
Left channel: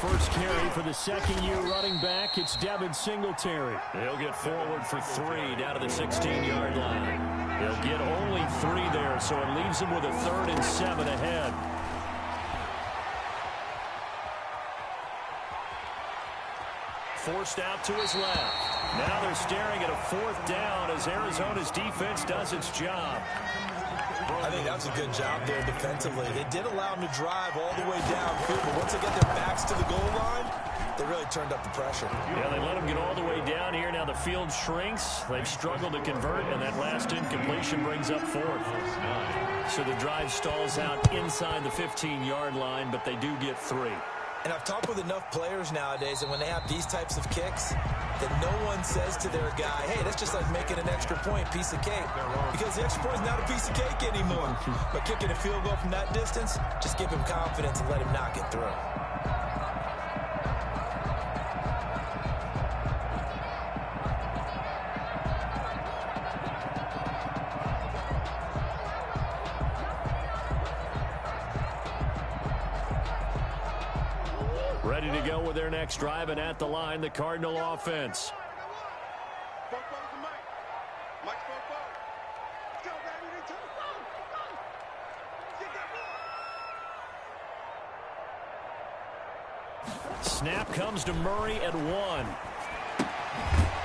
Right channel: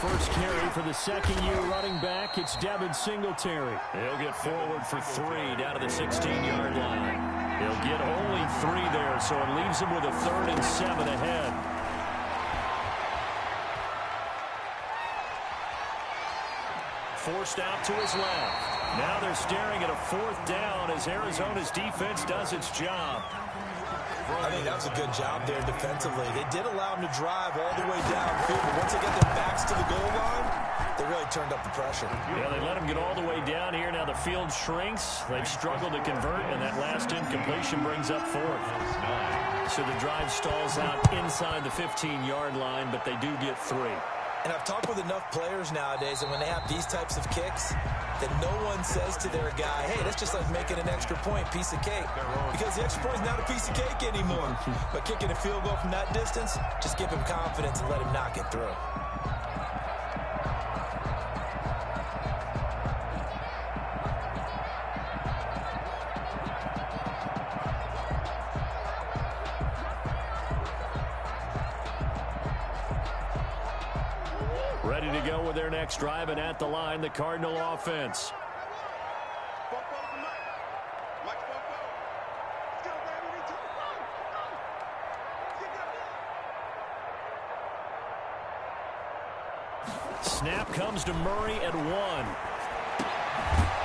First carry for the 2nd-year running back. It's Devin Singletary. He'll get forward for 3 down to the 16-yard line. He'll get only 3 there, so it leaves him with a 3rd and 7 ahead. Forced out to his left. Now they're staring at a 4th down as Arizona's defense does its job. I think that was a good job there defensively. They did allow him to drive all the way downfield, but once they get their backs to the goal line, they really turned up the pressure. Yeah, they let him get all the way down here. Now the field shrinks. They've struggled to convert, and that last incompletion brings up 4th. So the drive stalls out inside the 15-yard line, but they do get 3. And I've talked with enough players nowadays, and when they have these types of kicks, that no one says to their guy, hey, that's just like making an extra point, piece of cake. Because the extra point is not a piece of cake anymore. But kicking a field goal from that distance, just give him confidence and let him knock it through. Ready to go with their next drive, and at the line, the Cardinal offense. Snap comes to Murray at 1.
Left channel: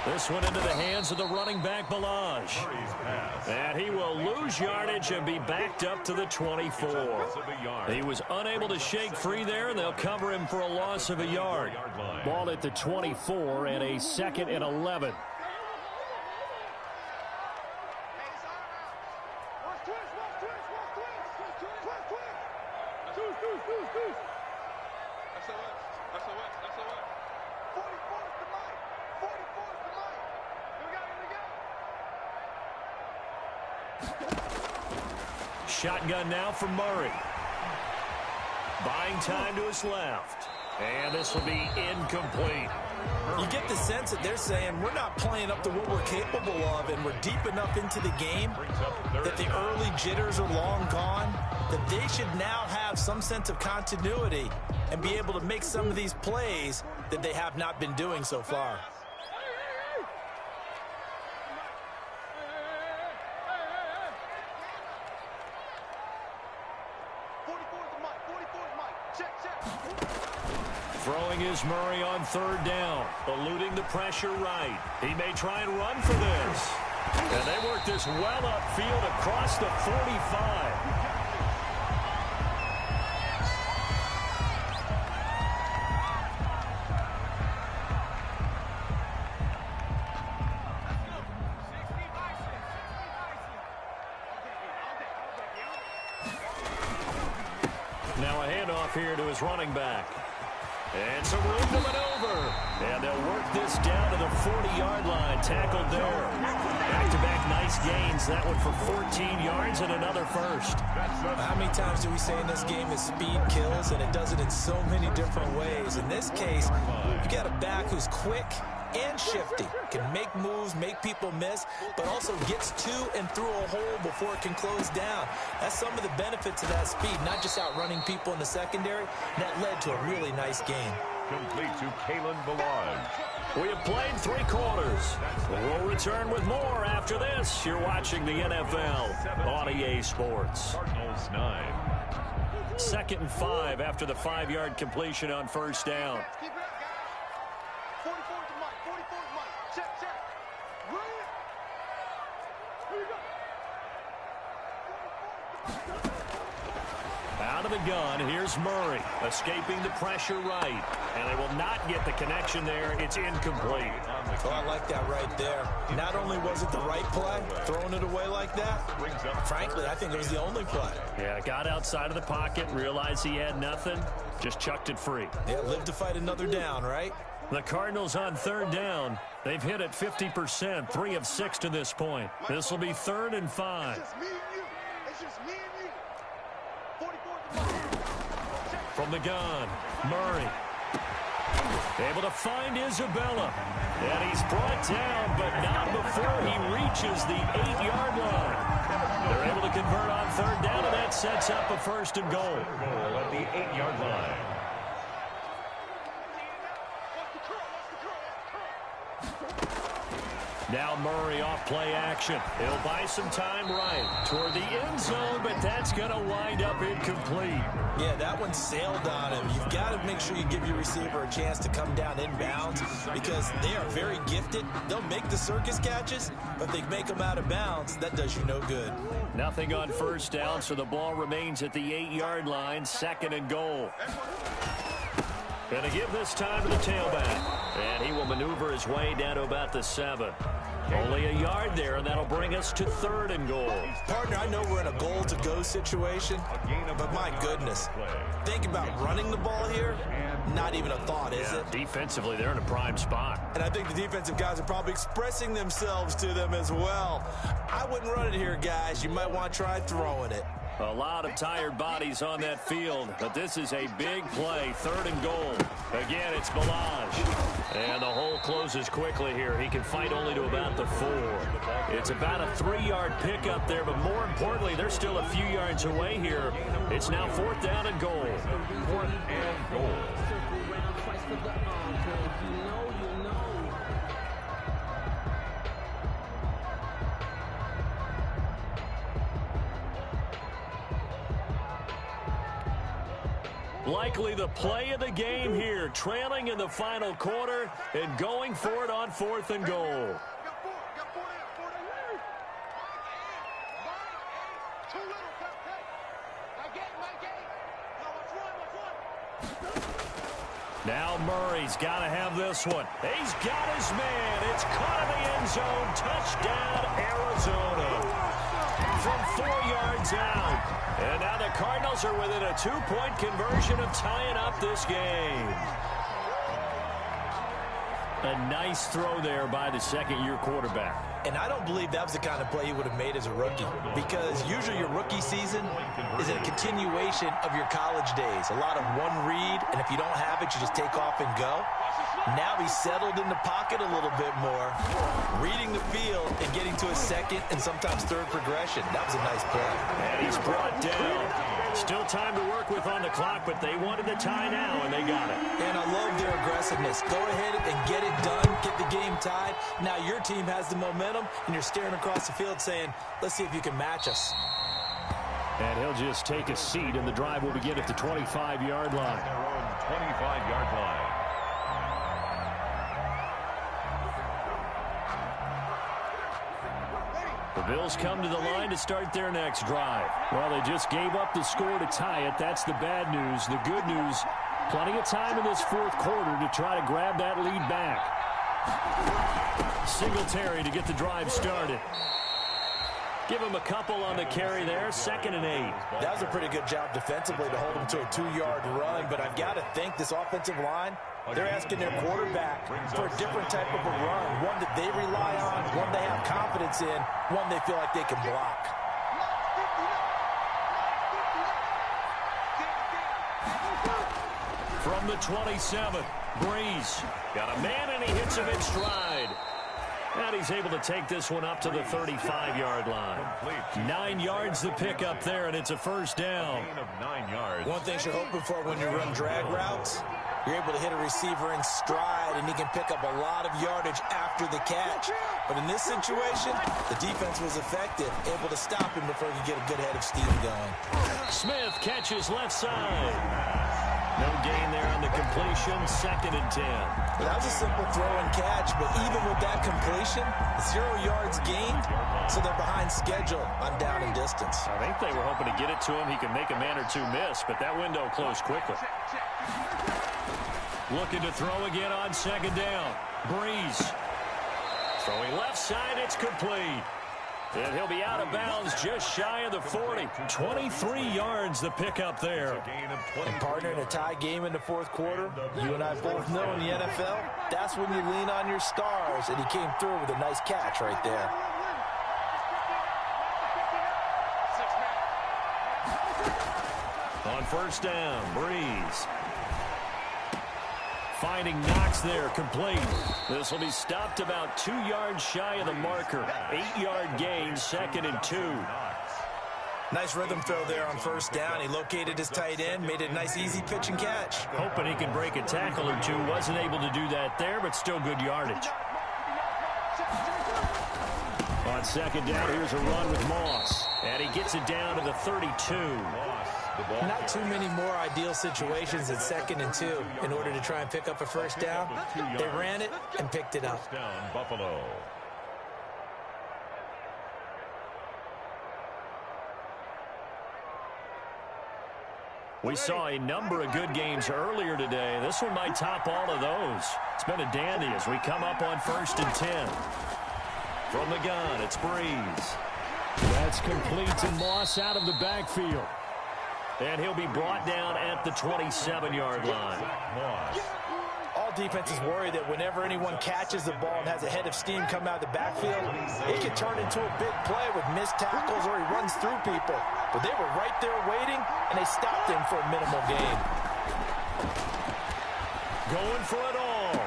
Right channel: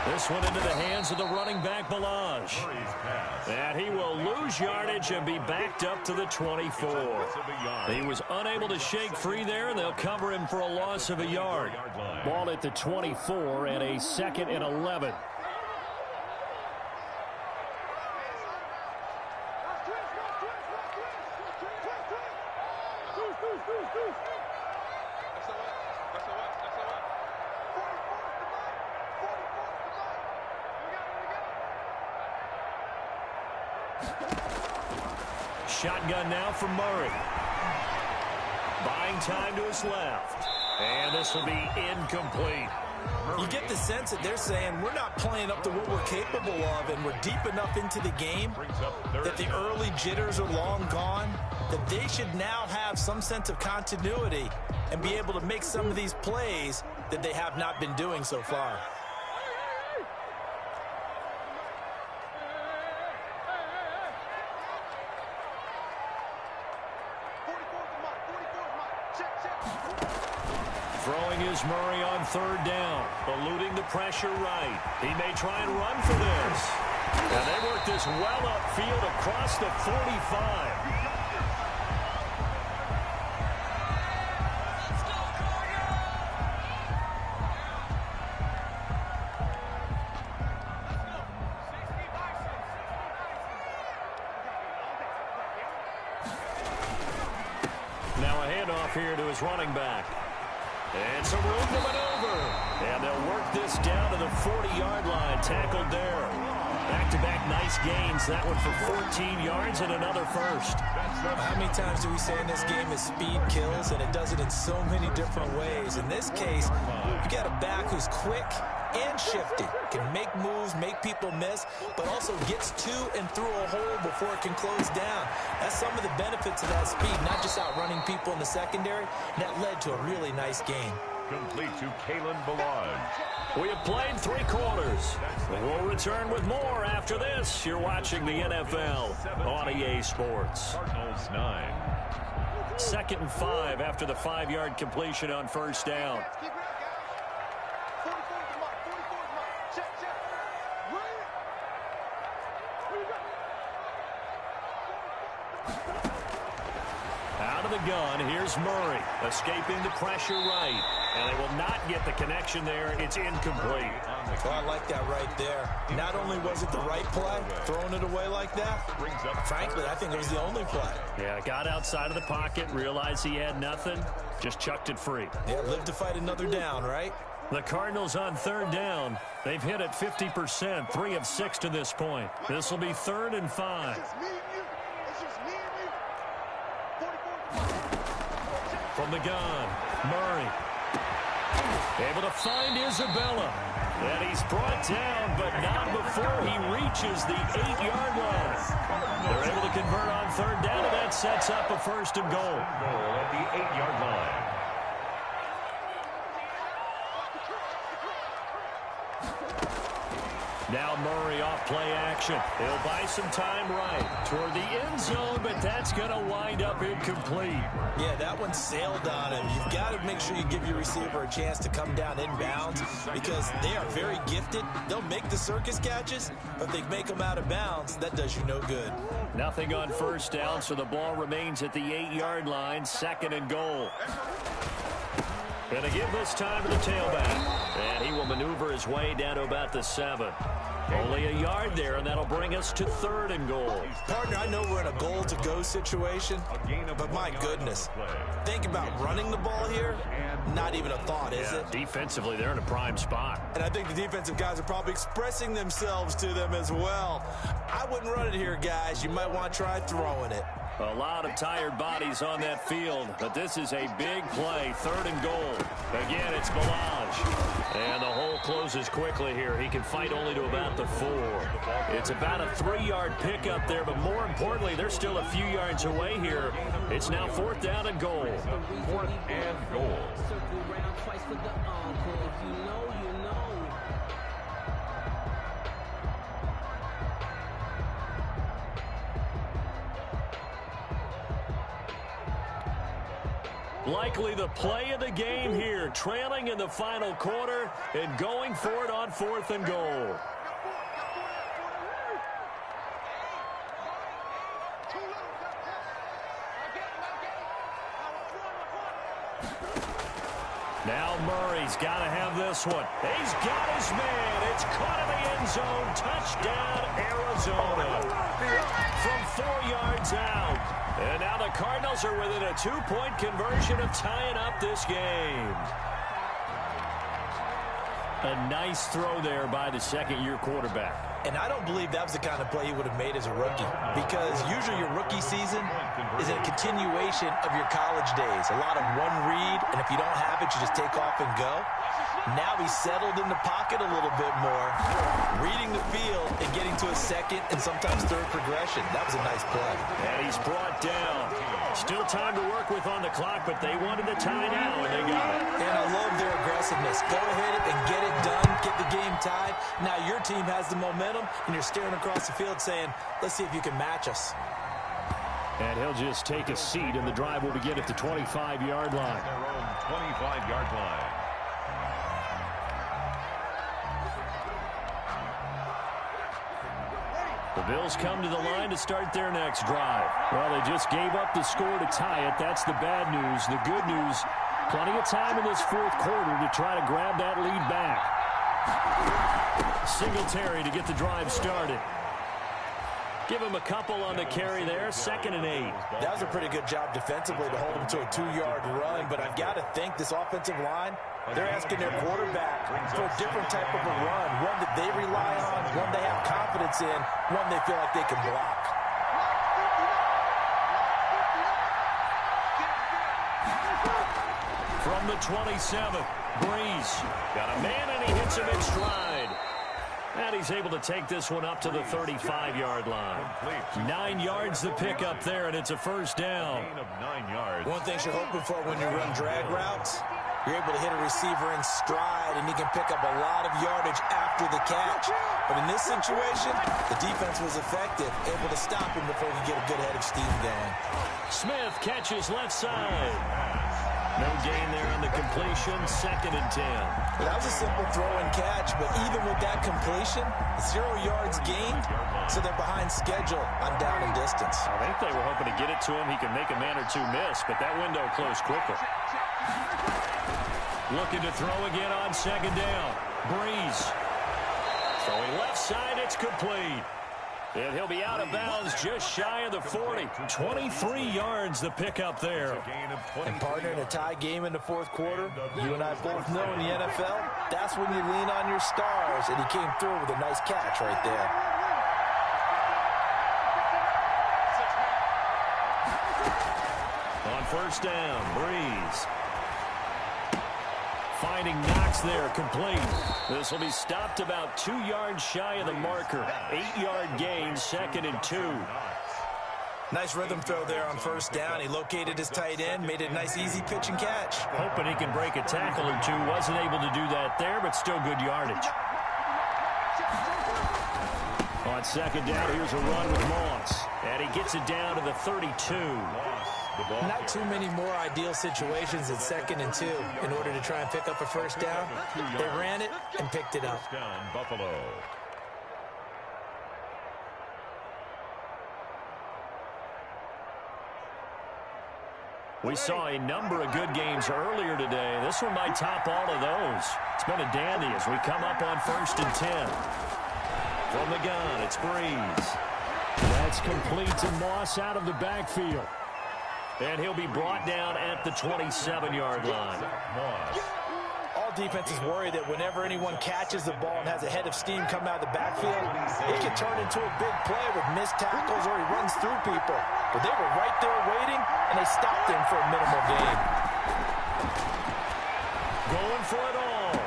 This one into the hands of the running back, Balaj. And he will lose yardage and be backed up to the 24. He was unable to shake free there, and they'll cover him for a loss of a yard. Ball at the 24 and a 2nd and 11. Shotgun now for Murray. Buying time to his left. And this will be incomplete. You get the sense that they're saying we're not playing up to what we're capable of, and we're deep enough into the game that the early jitters are long gone, that they should now have some sense of continuity and be able to make some of these plays that they have not been doing so far. Throwing is Murray on 3rd down, eluding the pressure right. He may try and run for this. And they work this well upfield across the 45. Now a handoff here to his running back. And some room to maneuver. And they'll work this down to the 40-yard line. Tackled there. Back-to-back nice gains. That one for 14 yards and another first. How many times do we say in this game that speed kills, and it does it in so many different ways? In this case, you got a back who's quick and shifty, can make moves, make people miss, but also gets to and through a hole before it can close down. That's some of the benefits of that speed, not just outrunning people in the secondary. That led to a really nice game. Complete to Kalen Balaj. We have played 3 quarters. We'll return with more after this. You're watching the NFL on EA Sports. Cardinals 9. 2nd and 5 after the 5-yard completion on 1st down. Out of the gun, here's Murray, escaping the pressure right. And they will not get the connection there. It's incomplete. Oh, I like that right there. Not only was it the right play, throwing it away like that, frankly, I think it was the only play. Yeah, got outside of the pocket, realized he had nothing, just chucked it free. Yeah, live to fight another down, right? The Cardinals on 3rd down. They've hit it 50%, 3 of 6 to this point. This will be 3rd and 5. From the gun, Murray. Able to find Isabella. And he's brought down, but not before he reaches the 8-yard line. They're able to convert on 3rd down, and that sets up a 1st and goal. Goal at the 8-yard line. Now Murray off play action. He'll buy some time right toward the end zone, but that's going to wind up incomplete. Yeah, that one sailed on him. You've got to make sure you give your receiver a chance to come down inbounds because they are very gifted. They'll make the circus catches, but if they make them out of bounds, that does you no good. Nothing on 1st down, so the ball remains at the 8-yard line, 2nd and goal. Going to give this time to the tailback. And he will maneuver his way down to about the 7. Only a yard there, and that'll bring us to 3rd and goal. Partner, I know we're in a goal-to-go situation, but my goodness, think about running the ball here. Not even a thought, is it? Defensively, they're in a prime spot. And I think the defensive guys are probably expressing themselves to them as well. I wouldn't run it here, guys. You might want to try throwing it. A lot of tired bodies on that field, but this is a big play, 3rd and goal. Again, it's Balaj. And the hole closes quickly here. He can fight only to about the 4. It's about a 3-yard pickup there, but more importantly, they're still a few yards away here. It's now 4th down and goal. 4th and goal. Likely the play of the game here, trailing in the final quarter and going for it on 4th and goal. Now Murray's got to have this one. He's got his man. It's caught in the end zone. Touchdown, Arizona. From 4 yards out. And now the Cardinals are within a 2-point conversion of tying up this game. A nice throw there by the second-year quarterback. And I don't believe that was the kind of play he would have made as a rookie, because usually your rookie season is a continuation of your college days. A lot of one read, and if you don't have it, you just take off and go. Now he's settled in the pocket a little bit more, reading the field and getting to a second and sometimes third progression. That was a nice play. And he's brought down. Still time to work with on the clock, but they wanted the tie now, and they got it. And I love their aggressiveness. Go ahead and get it done, get the game tied. Now your team has the momentum, and you're staring across the field saying, let's see if you can match us. And he'll just take a seat, and the drive will begin at the 25-yard line. Their own 25-yard line. The Bills come to the line to start their next drive. Well, they just gave up the score to tie it. That's the bad news. The good news, plenty of time in this 4th quarter to try to grab that lead back. Singletary to get the drive started. Give him a couple on the carry there. 2nd and 8. That was a pretty good job defensively to hold him to a 2-yard run, but I've got to think this offensive line, they're asking their quarterback for a different type of a run, one that they rely on, one they have confidence in, one they feel like they can block. From the 27, Breeze got a man, and he hits him in stride. And he's able to take this one up to the 35-yard line. 9 yards the pick up there, and it's a first down. Gain of 9 yards. One thing you're hoping for when you run drag routes, you're able to hit a receiver in stride, and he can pick up a lot of yardage after the catch. But in this situation, the defense was effective, able to stop him before he could get a good head of steam going. Smith catches left side. No gain there on the completion. 2nd and 10. Well, that was a simple throw and catch, but even with that completion, 0 yards gained, so they're behind schedule on down and distance. I think they were hoping to get it to him. He could make a man or two miss, but that window closed quickly. Looking to throw again on 2nd down. Breeze. Throwing left side, it's complete. And he'll be out of bounds just shy of the 40. 23 yards the pickup there. And partner, in a tie game in the 4th quarter, you and I both know in the NFL, that's when you lean on your stars, and he came through with a nice catch right there. On 1st down, Breeze. Finding Knox there, complete. This will be stopped about 2 yards shy of the marker. 8-yard gain, 2nd and 2. Nice rhythm throw there on 1st down. He located his tight end, made it a nice easy pitch and catch. Hoping he can break a tackle or two. Wasn't able to do that there, but still good yardage. On 2nd down, here's a run with Moss. And he gets it down to the 32. Not too many more ideal situations at 2nd and 2 in order to try and pick up a 1st down. They ran it and picked it up. Down, Buffalo. We saw a number of good games earlier today. This one might top all of those. It's been a dandy as we come up on 1st and 10. From the gun, it's Breeze. That's complete to Moss out of the backfield. And he'll be brought down at the 27-yard line. All defenses worry that whenever anyone catches the ball and has a head of steam come out of the backfield, it can turn into a big play with missed tackles or he runs through people. But they were right there waiting, and they stopped him for a minimal gain. Going for it all.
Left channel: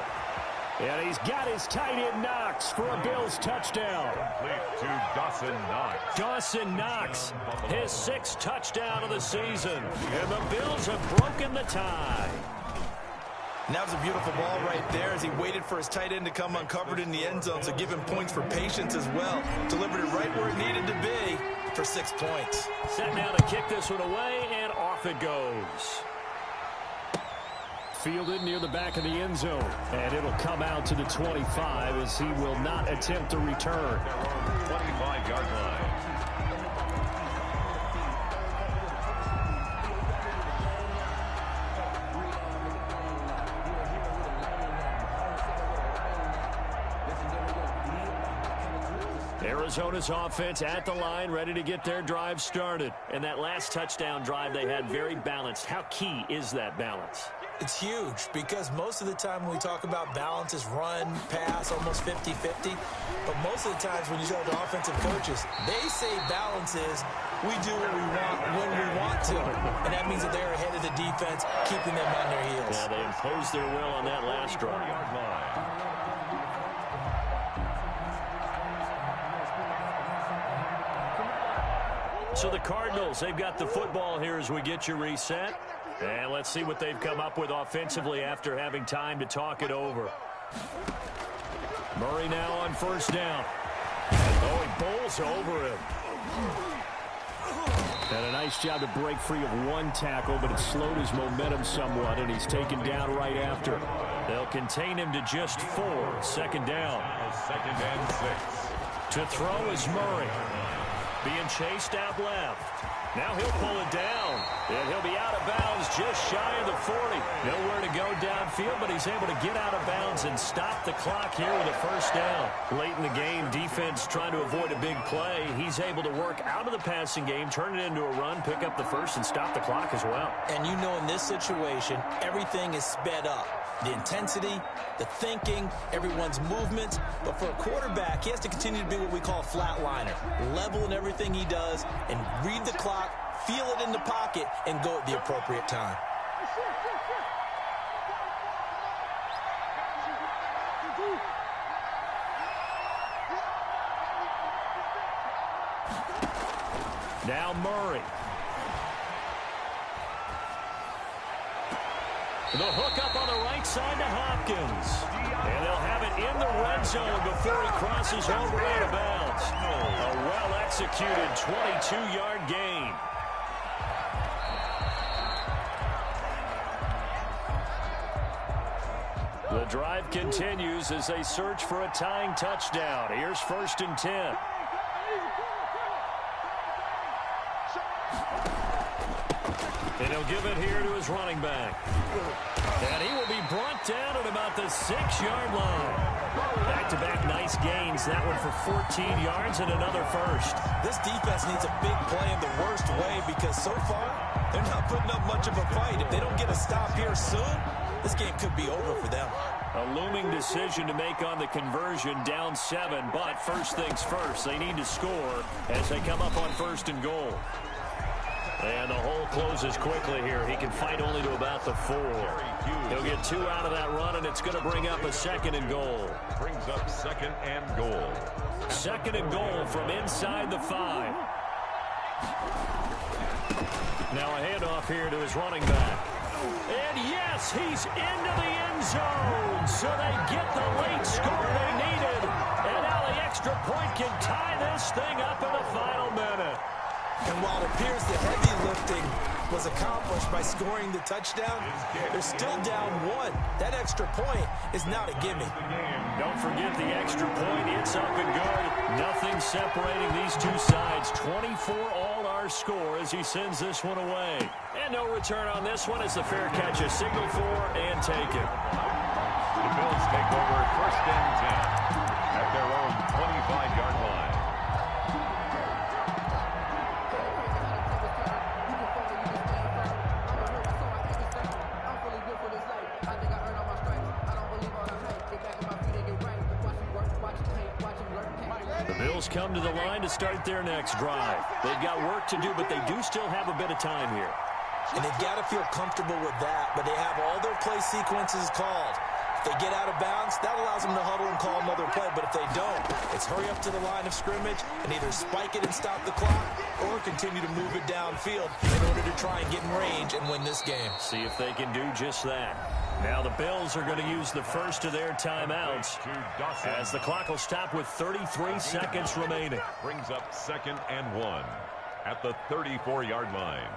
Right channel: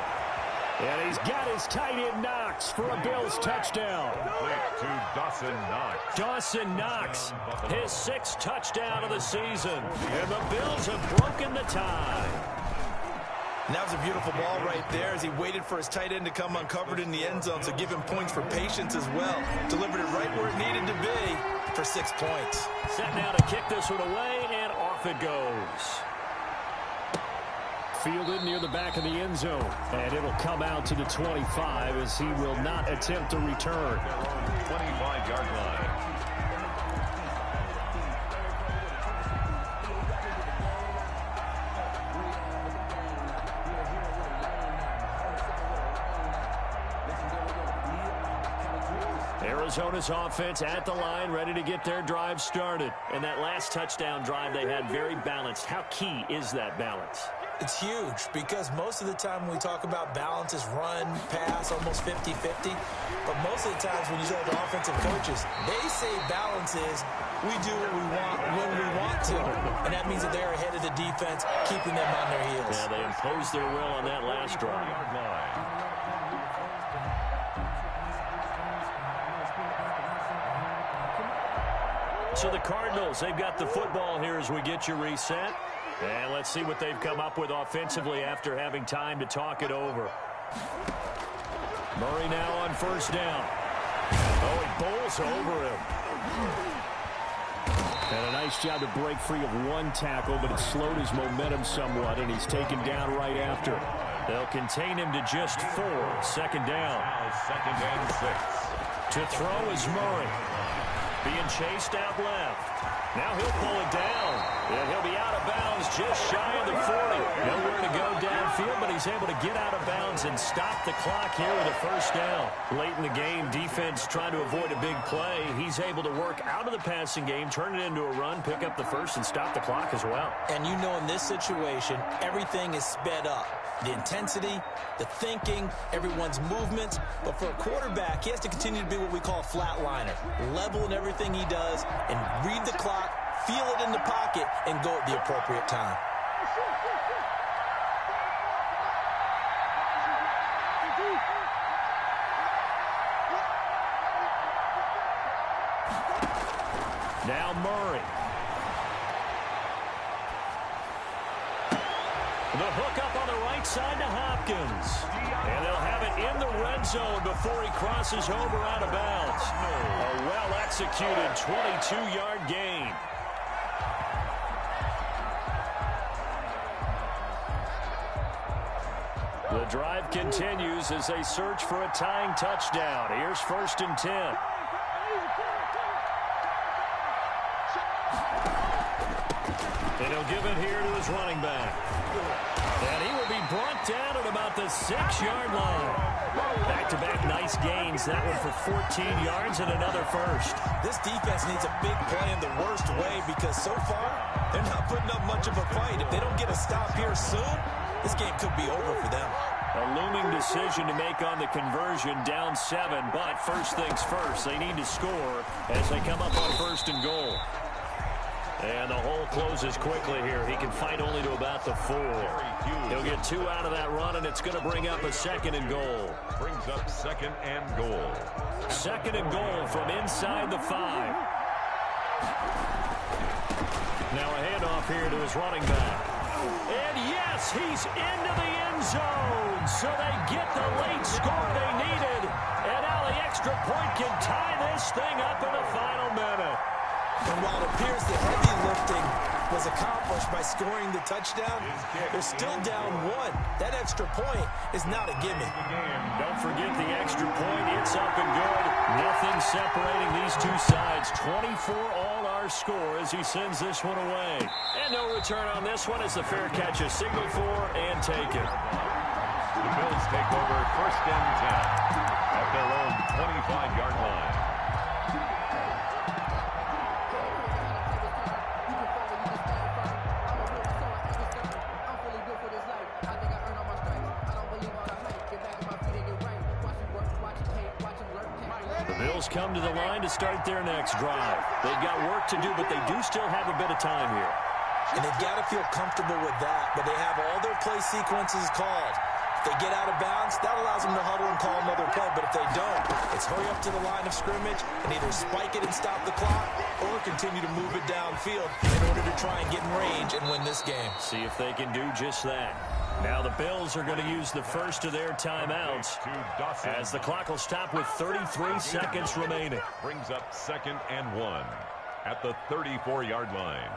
And he's got his tight end Knox for a Bills touchdown. Complete to Dawson Knox. Dawson Knox, his 6th touchdown of the season. And the Bills have broken the tie. And that was a beautiful ball right there as he waited for his tight end to come uncovered in the end zone, so give him points for patience as well. Delivered it right where it needed to be for 6 points. Set now to kick this one away, and off it goes. Fielded near the back of the end zone. And it'll come out to the 25 as he will not attempt to return. 25-yard line. Arizona's offense at the line, ready to get their drive started. And that last touchdown drive they had very balanced. How key is that balance? It's huge because most of the time when we talk about balance is run, pass, almost 50-50. But most of the times when you tell the offensive coaches, they say balance is we do what we want when we want to. And that means that they're ahead of the defense, keeping them on their heels. Yeah, they imposed their will on that last drive. So the Cardinals, they've got the football here as we get you reset. And let's see what they've come up with offensively after having time to talk it over. Murray now on first down. Oh, he bowls over him. And a nice job to break free of one tackle, but it slowed his momentum somewhat, and he's taken down right after. They'll contain him to just 4. Second down. Now second and 6. To throw is Murray. Being chased out left. Now he'll pull it down, and he'll be out of bounds just shy of the 40. Nowhere to go downfield, but he's able to get out of bounds and stop the clock here with a first down. Late in the game, defense trying to avoid a big play. He's able to work out of the passing game, turn it into a run, pick up the first, and stop the clock as well. And you know in this situation, everything is sped up. The intensity, the thinking, everyone's movements. But for a quarterback, he has to continue to be what we call a flatliner. Level in everything he does and read the clock, feel it in the pocket, and go at the appropriate time. Now Murray. The hook up on the right side to Hopkins. And they'll have it in the red zone before he crosses over out of bounds. A well-executed 22-yard gain. The drive continues as they search for a tying touchdown. Here's first and 10. And he'll give it here to his running back. And he will be brought down at about the 6-yard line. Back-to-back nice gains. That one for 14 yards and another first. This defense needs a big play in the worst way because so far, they're not putting up much of a fight. If they don't get a stop here soon, this game could be over for them. A looming decision to make on the conversion, down 7. But first things first, they need to score as they come up on first and goal. And the hole closes quickly here. He can fight only to about the 4. He'll get 2 out of that run, and it's going to bring up a second and goal. Brings up second and goal. Second and goal from inside the 5. Now a handoff here to his running back. And yes, he's into the end zone. So they get the late score they needed. And now the extra point can tie this thing up in the final minute. And while it appears the heavy lifting was accomplished by scoring the touchdown, they're still down 1. That extra point is not a gimme. Don't forget the extra point. It's up and good. Nothing separating these two sides. 24 all our score as he sends this one away. And no return on this one as the fair catch is signaled for and taken. The Bills take over first and 10 at their own 25-yard line. Bills come to the line to start their next drive. They've got work to do, but they do still have a bit of time here. And they've got to feel comfortable with that, but they have all their play sequences called. If they get out of bounds, that allows them to huddle and call another play, but if they don't, it's hurry up to the line of scrimmage and either spike it and stop the clock or continue to move it downfield in order to try and get in range and win this game. See if they can do just that. Now the Bills are going to use the first of their timeouts as the clock will stop with 33 seconds remaining. Brings up second and 1 at the 34-yard line.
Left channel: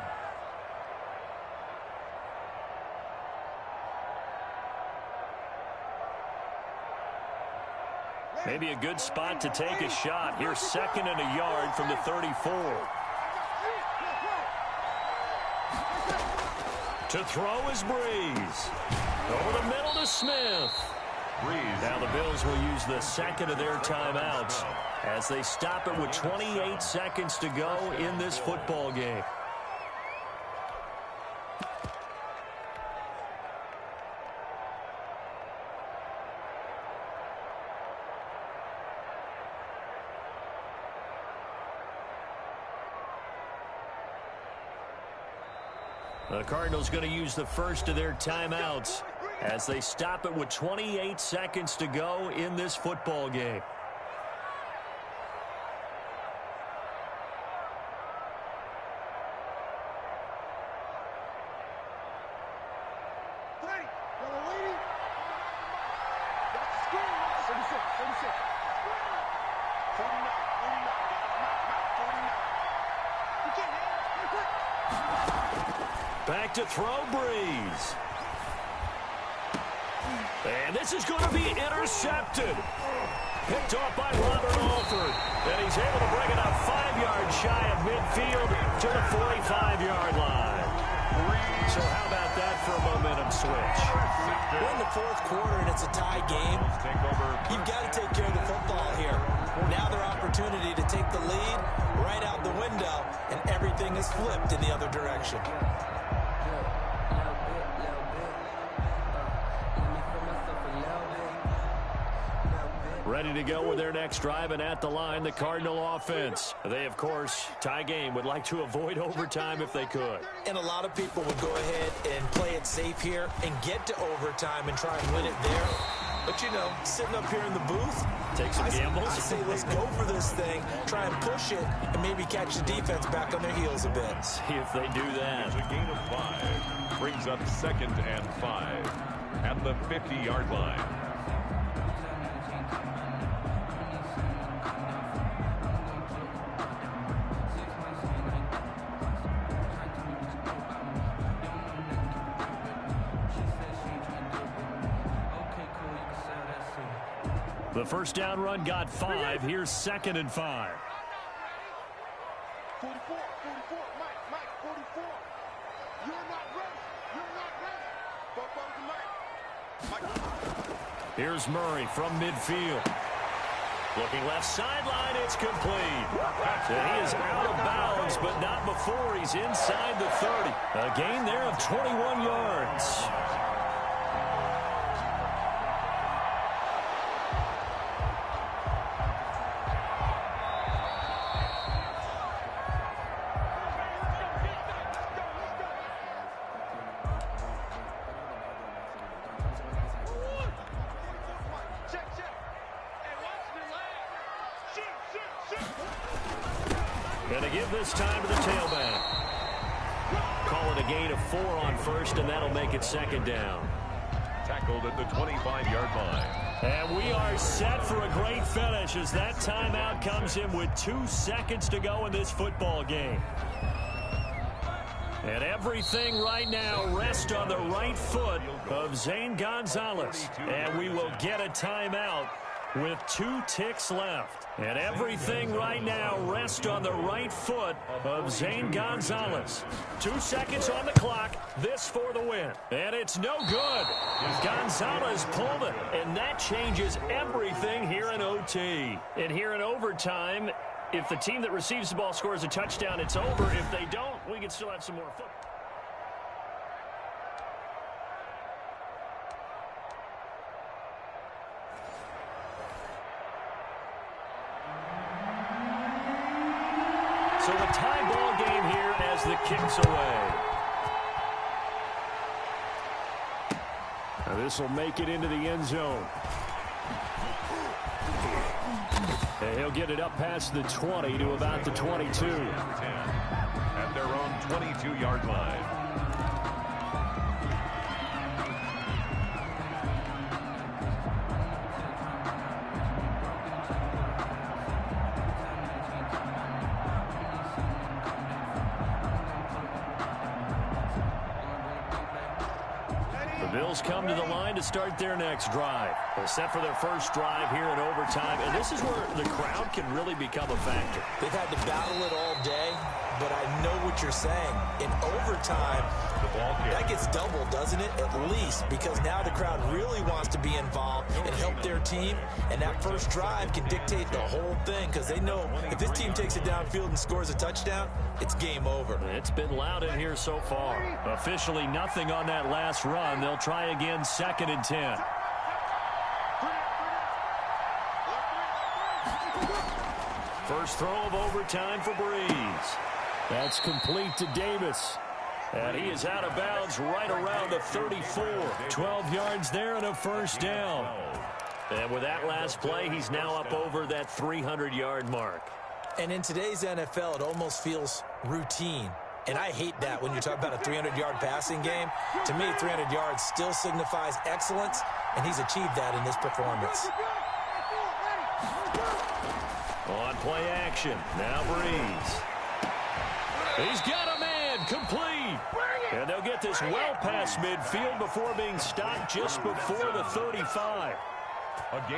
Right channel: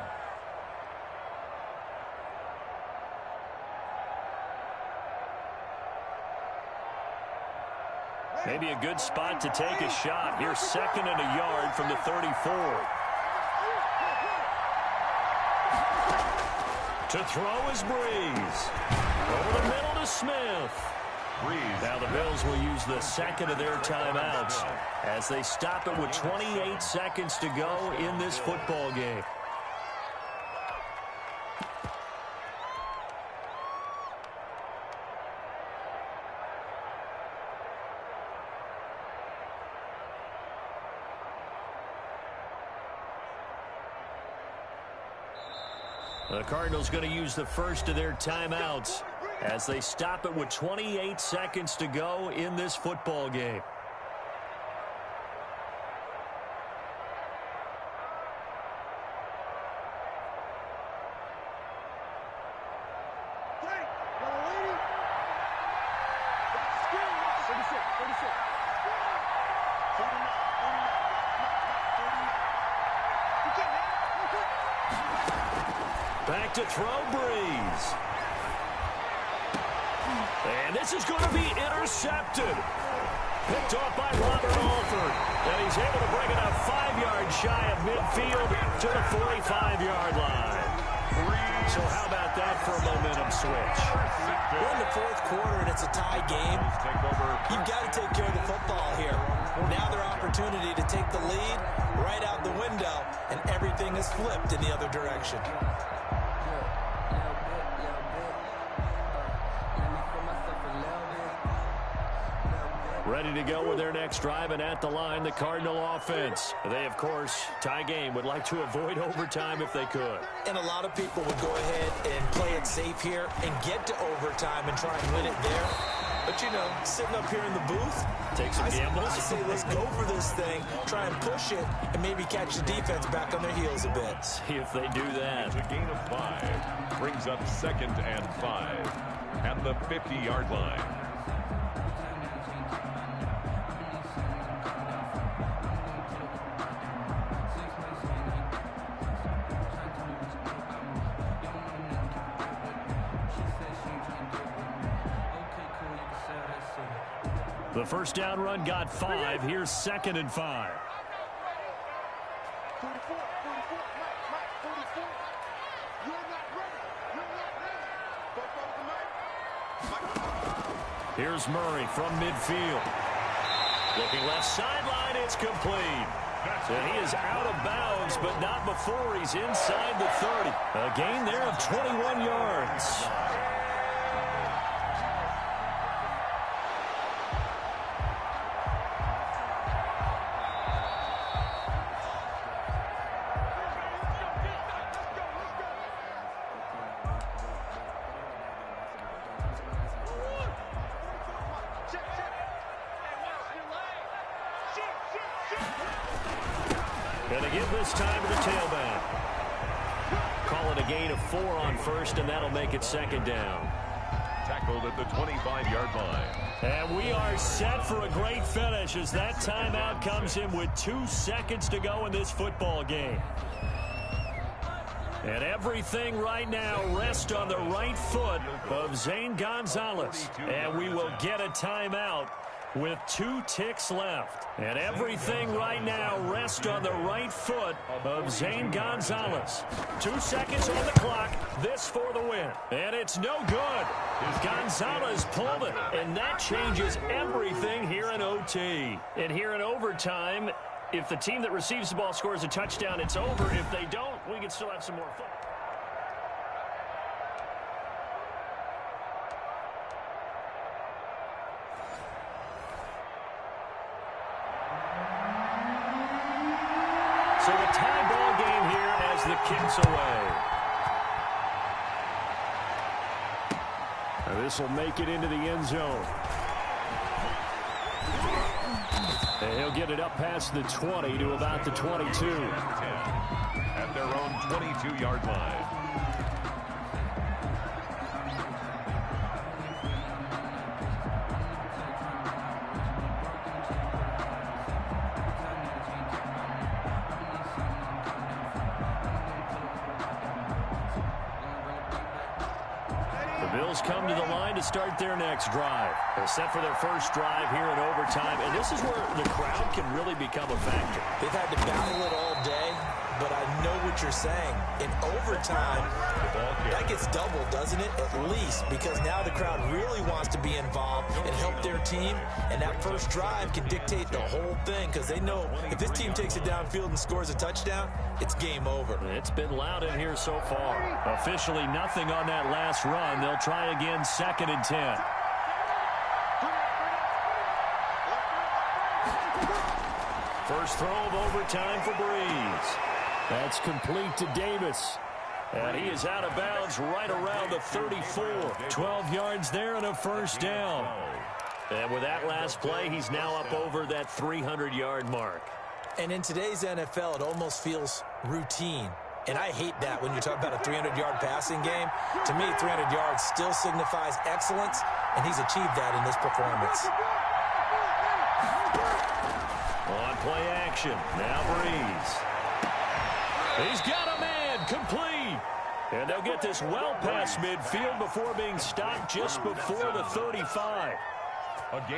Maybe a good spot to take a shot. Here's 2nd and a yard from the 34. To throw is Breeze. Over the middle to Smith. Now the Bills will use the 2nd of their timeouts as they stop it with 28 seconds to go in this football game. The Cardinals going to use the 1st of their timeouts as they stop it with 28 seconds to go in this football game. Back to throw, Breeze. And this is going to be intercepted. Picked off by Robert Alford. And he's able to bring it up 5 yards shy of midfield to the 45-yard line. So how about that for a momentum switch? We're in the 4th quarter and it's a tie game. You've got to take care of the football here. Now their opportunity to take the lead right out the window, and everything is flipped in the other direction. Ready to go with their next drive, and at the line, the Cardinal offense. They, of course, tie game, would like to avoid overtime if they could. And a lot of people would go ahead and play it safe here and get to overtime and try and win it there. But, you know, sitting up here in the booth, take some gambles. I say let's go for this thing, try and push it, and maybe catch the defense back on their heels a bit. See if they do that. It's a gain of 5. Brings up 2nd and 5 at the 50-yard line. The first down run got 5. Here's 2nd and 5. 44, Mike, 44. You're not ready. Go to Mike. Here's Murray from midfield. Looking left sideline, it's complete. And he is out of bounds, but not before he's inside the 30. A gain there of 21 yards. Going to give this time to the tailback. Call it a gain of 4 on 1st, and that'll make it 2nd down. Tackled at the 25-yard line. And we are set for a great finish as that timeout comes in with 2 seconds to go in this football game. And everything right now rests on the right foot of Zane Gonzalez. And we will get a timeout with 2 ticks left. And everything right now rests on the right foot of Zane Gonzalez. 2 seconds on the clock. This for the win. And it's no good. Gonzalez pulled it. And that changes everything here in OT. And here in overtime, if the team that receives the ball scores a touchdown, it's over. If they don't, we can still have some more fun. So a tie ball game here as the kick's away. This will make it into the end zone. And he'll get it up past the 20 to about the 22. 10 at their own 22-yard line. Bills come to the line to start their next drive. They're set for their first drive here in overtime, and this is where the crowd can really become a factor. They've had to battle it all day, but I know what you're saying. In overtime, that gets doubled, doesn't it? At least, because now the crowd really wants to be involved and help their team, and that first drive can dictate the whole thing, because they know if this team takes it downfield and scores a touchdown, it's game over. It's been loud in here so far. Officially nothing on that last run. They'll try again, 2nd and 10. First throw of overtime for Breeze. That's complete to Davis. And he is out of bounds right around the 34. 12 yards there and a first down. And with that last play, he's now up over that 300-yard mark. And in today's NFL, it almost feels routine. And I hate that when you talk about a 300-yard passing game. To me, 300 yards still signifies excellence, and he's achieved that in this performance. On play action, now Breeze. He's got a man, complete. And they'll get this well past midfield before being stopped just before the 35.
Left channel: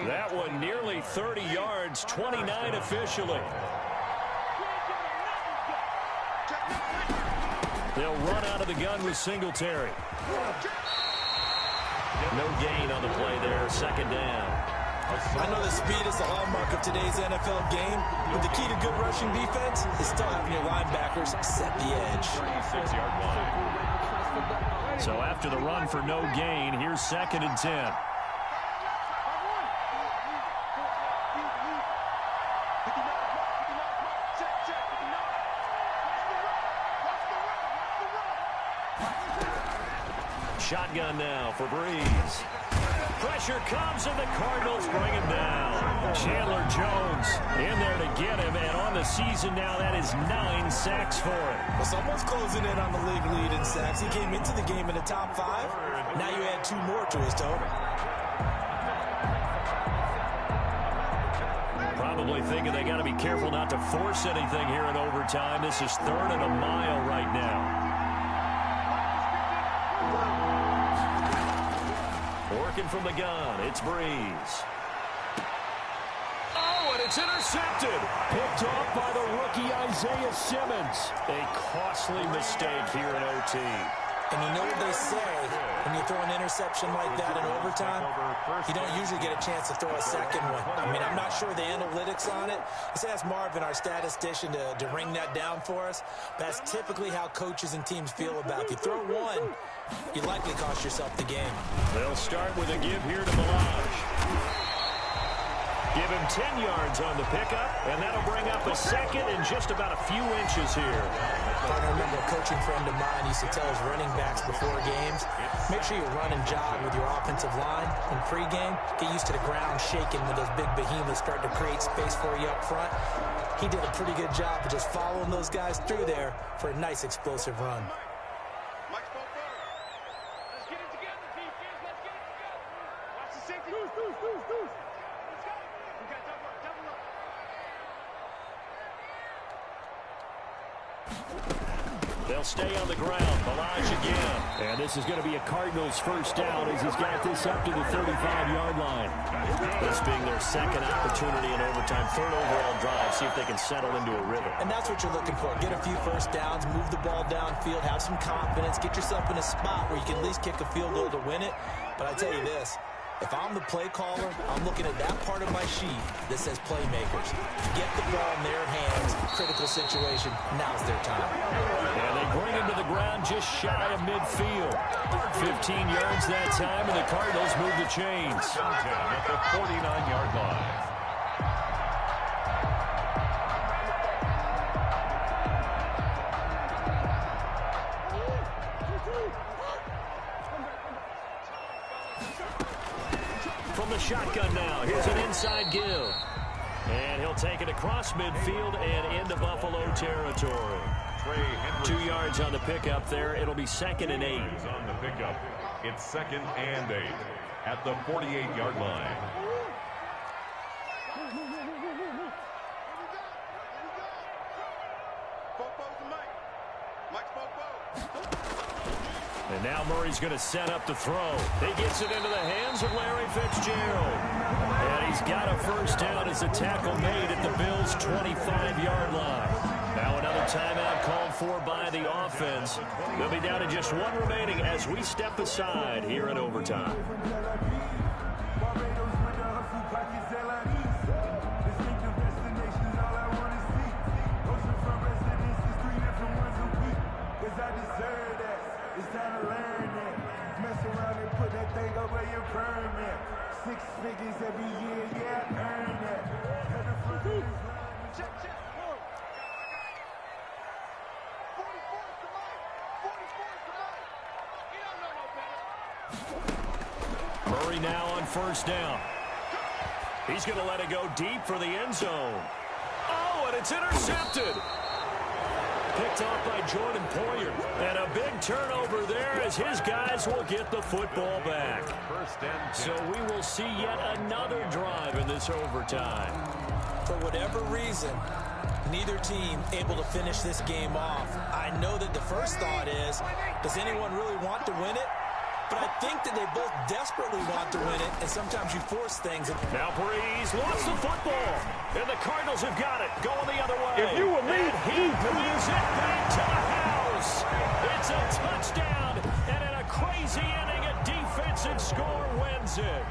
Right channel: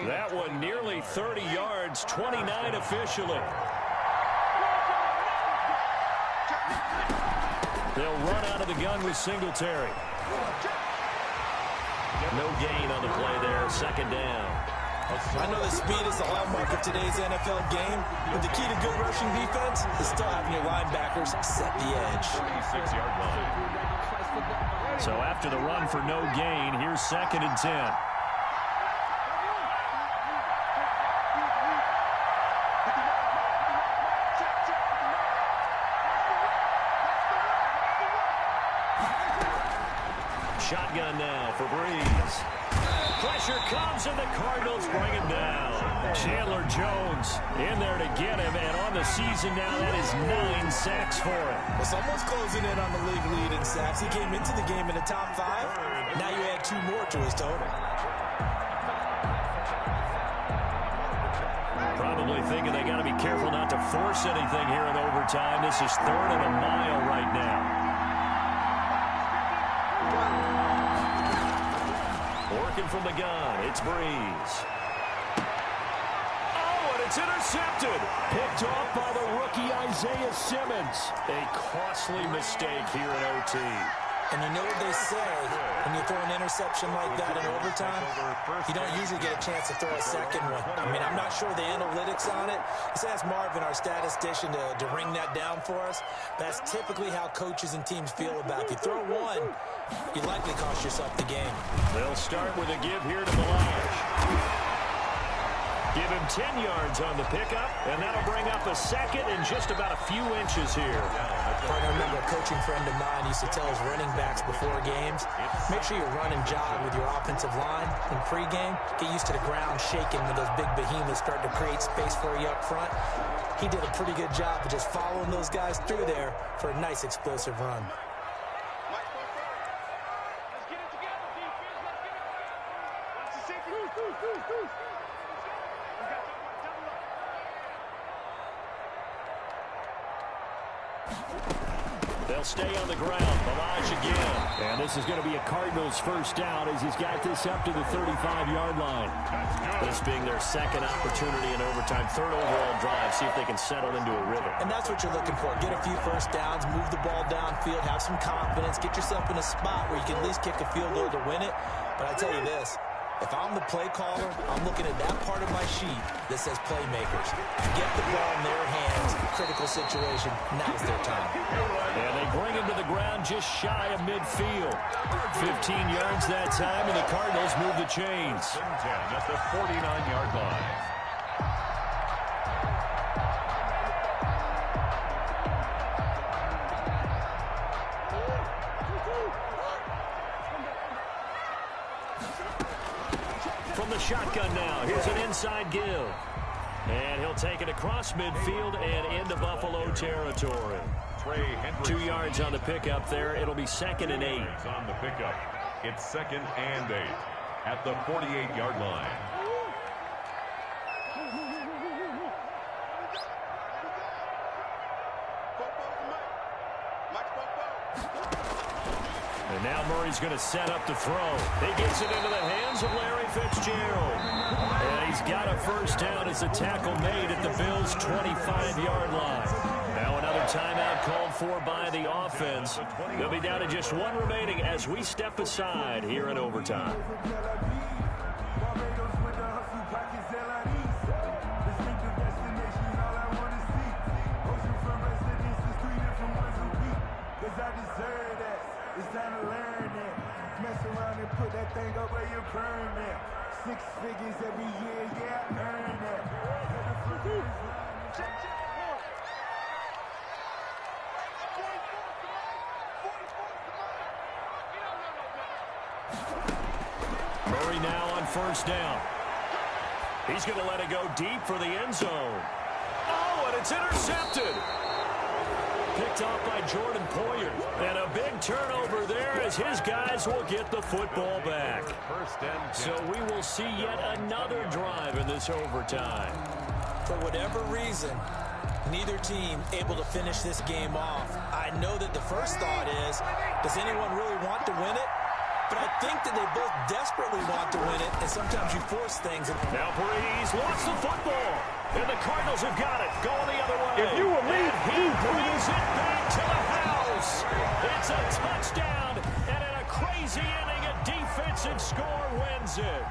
That one nearly 30 yards, 29 officially. They'll run out of the gun with Singletary. No gain on the play there, 2nd down. I know the speed is the hallmark of today's NFL game, but the key to good rushing defense is still having your linebackers set the edge. 36-yard line. So after the run for no gain, here's 2nd and 10. Shotgun now for Breeze. Pressure comes, and the Cardinals bring him down. Chandler Jones in there to get him, and on the season now, that is 9 sacks for him. Well, someone's closing in on the league lead in sacks. He came into the game in the top 5. Now you add 2 more to his total. Probably thinking they got to be careful not to force anything here in overtime. This is 3rd and a mile right now. Working from the gun, it's Breeze. Oh, and it's intercepted. Picked off by the rookie Isaiah Simmons. A costly mistake here in OT. And you know what they say, when you throw an interception like that in overtime, you don't usually get a chance to throw a second one. I mean, I'm not sure the analytics on it. Let's ask Marvin, our statistician, to ring that down for us. That's typically how coaches and teams feel about it. If you throw one, you likely cost yourself the game. They'll start with a give here to Melage. Give him 10 yards on the pickup, and that'll bring up a second in just about a few inches here. Partner, I remember a coaching friend of mine used to tell his running backs before games, make sure you run and jog with your offensive line in pregame. Get used to the ground shaking when those big behemoths start to create space for you up front. He did a pretty good job of just following those guys through there for a nice explosive run. Let's get it together, defense. Let's get it together. Watch the safety. Deuce. We got double up. They'll stay on the ground. Melage again. And this is going to be a Cardinals first down as he's got this up to the 35-yard line. This being their second opportunity in overtime, 3rd overall drive. See if they can settle into a rhythm. And that's what you're looking for. Get a few first downs, move the ball downfield, have some confidence, get yourself in a spot where you can at least kick a field goal to win it. But I tell you this, if I'm the play caller, I'm looking at that part of my sheet that says playmakers. Get the ball in their hands, critical situation, now's their time. And they bring him to the ground just shy of midfield. 15 yards that time, and the Cardinals move the chains. 10 at the 49-yard line. From the shotgun now, here's an inside give. And he'll take it across midfield and into Buffalo territory. 2 yards on the pickup there. It'll be 2nd and 8. On the pickup, it's 2nd and 8 at the 48-yard line. And now Murray's going to set up the throw. He gets it into the hands of Larry Fitzgerald. And he's got a first down as the tackle made at the Bills' 25-yard line. Now another timeout called for by the offense. They'll be down to just one remaining as we step aside here in overtime. It's time to learn that. Mess around and put that thing up where your permit. 6 figures every year, yeah, I earn that. Check, 44's the mic. 44's the mic. You don't know no better. Murray now on first down. He's going to let it go deep for the end zone. Oh, and it's intercepted. Picked off by Jordan Poyer. And a big turnover there as his guys will get the football back. So we will see yet another drive in this overtime. For whatever reason, neither team able to finish this game off. I know that the first thought is, does anyone really want to win it? But I think that they both desperately want to win it, and sometimes you force things. Now Breeze lost the football, and the Cardinals have got it, going the other way. If you were me, and he brings it back to the house. It's a touchdown, and in a crazy inning, a defensive score wins it.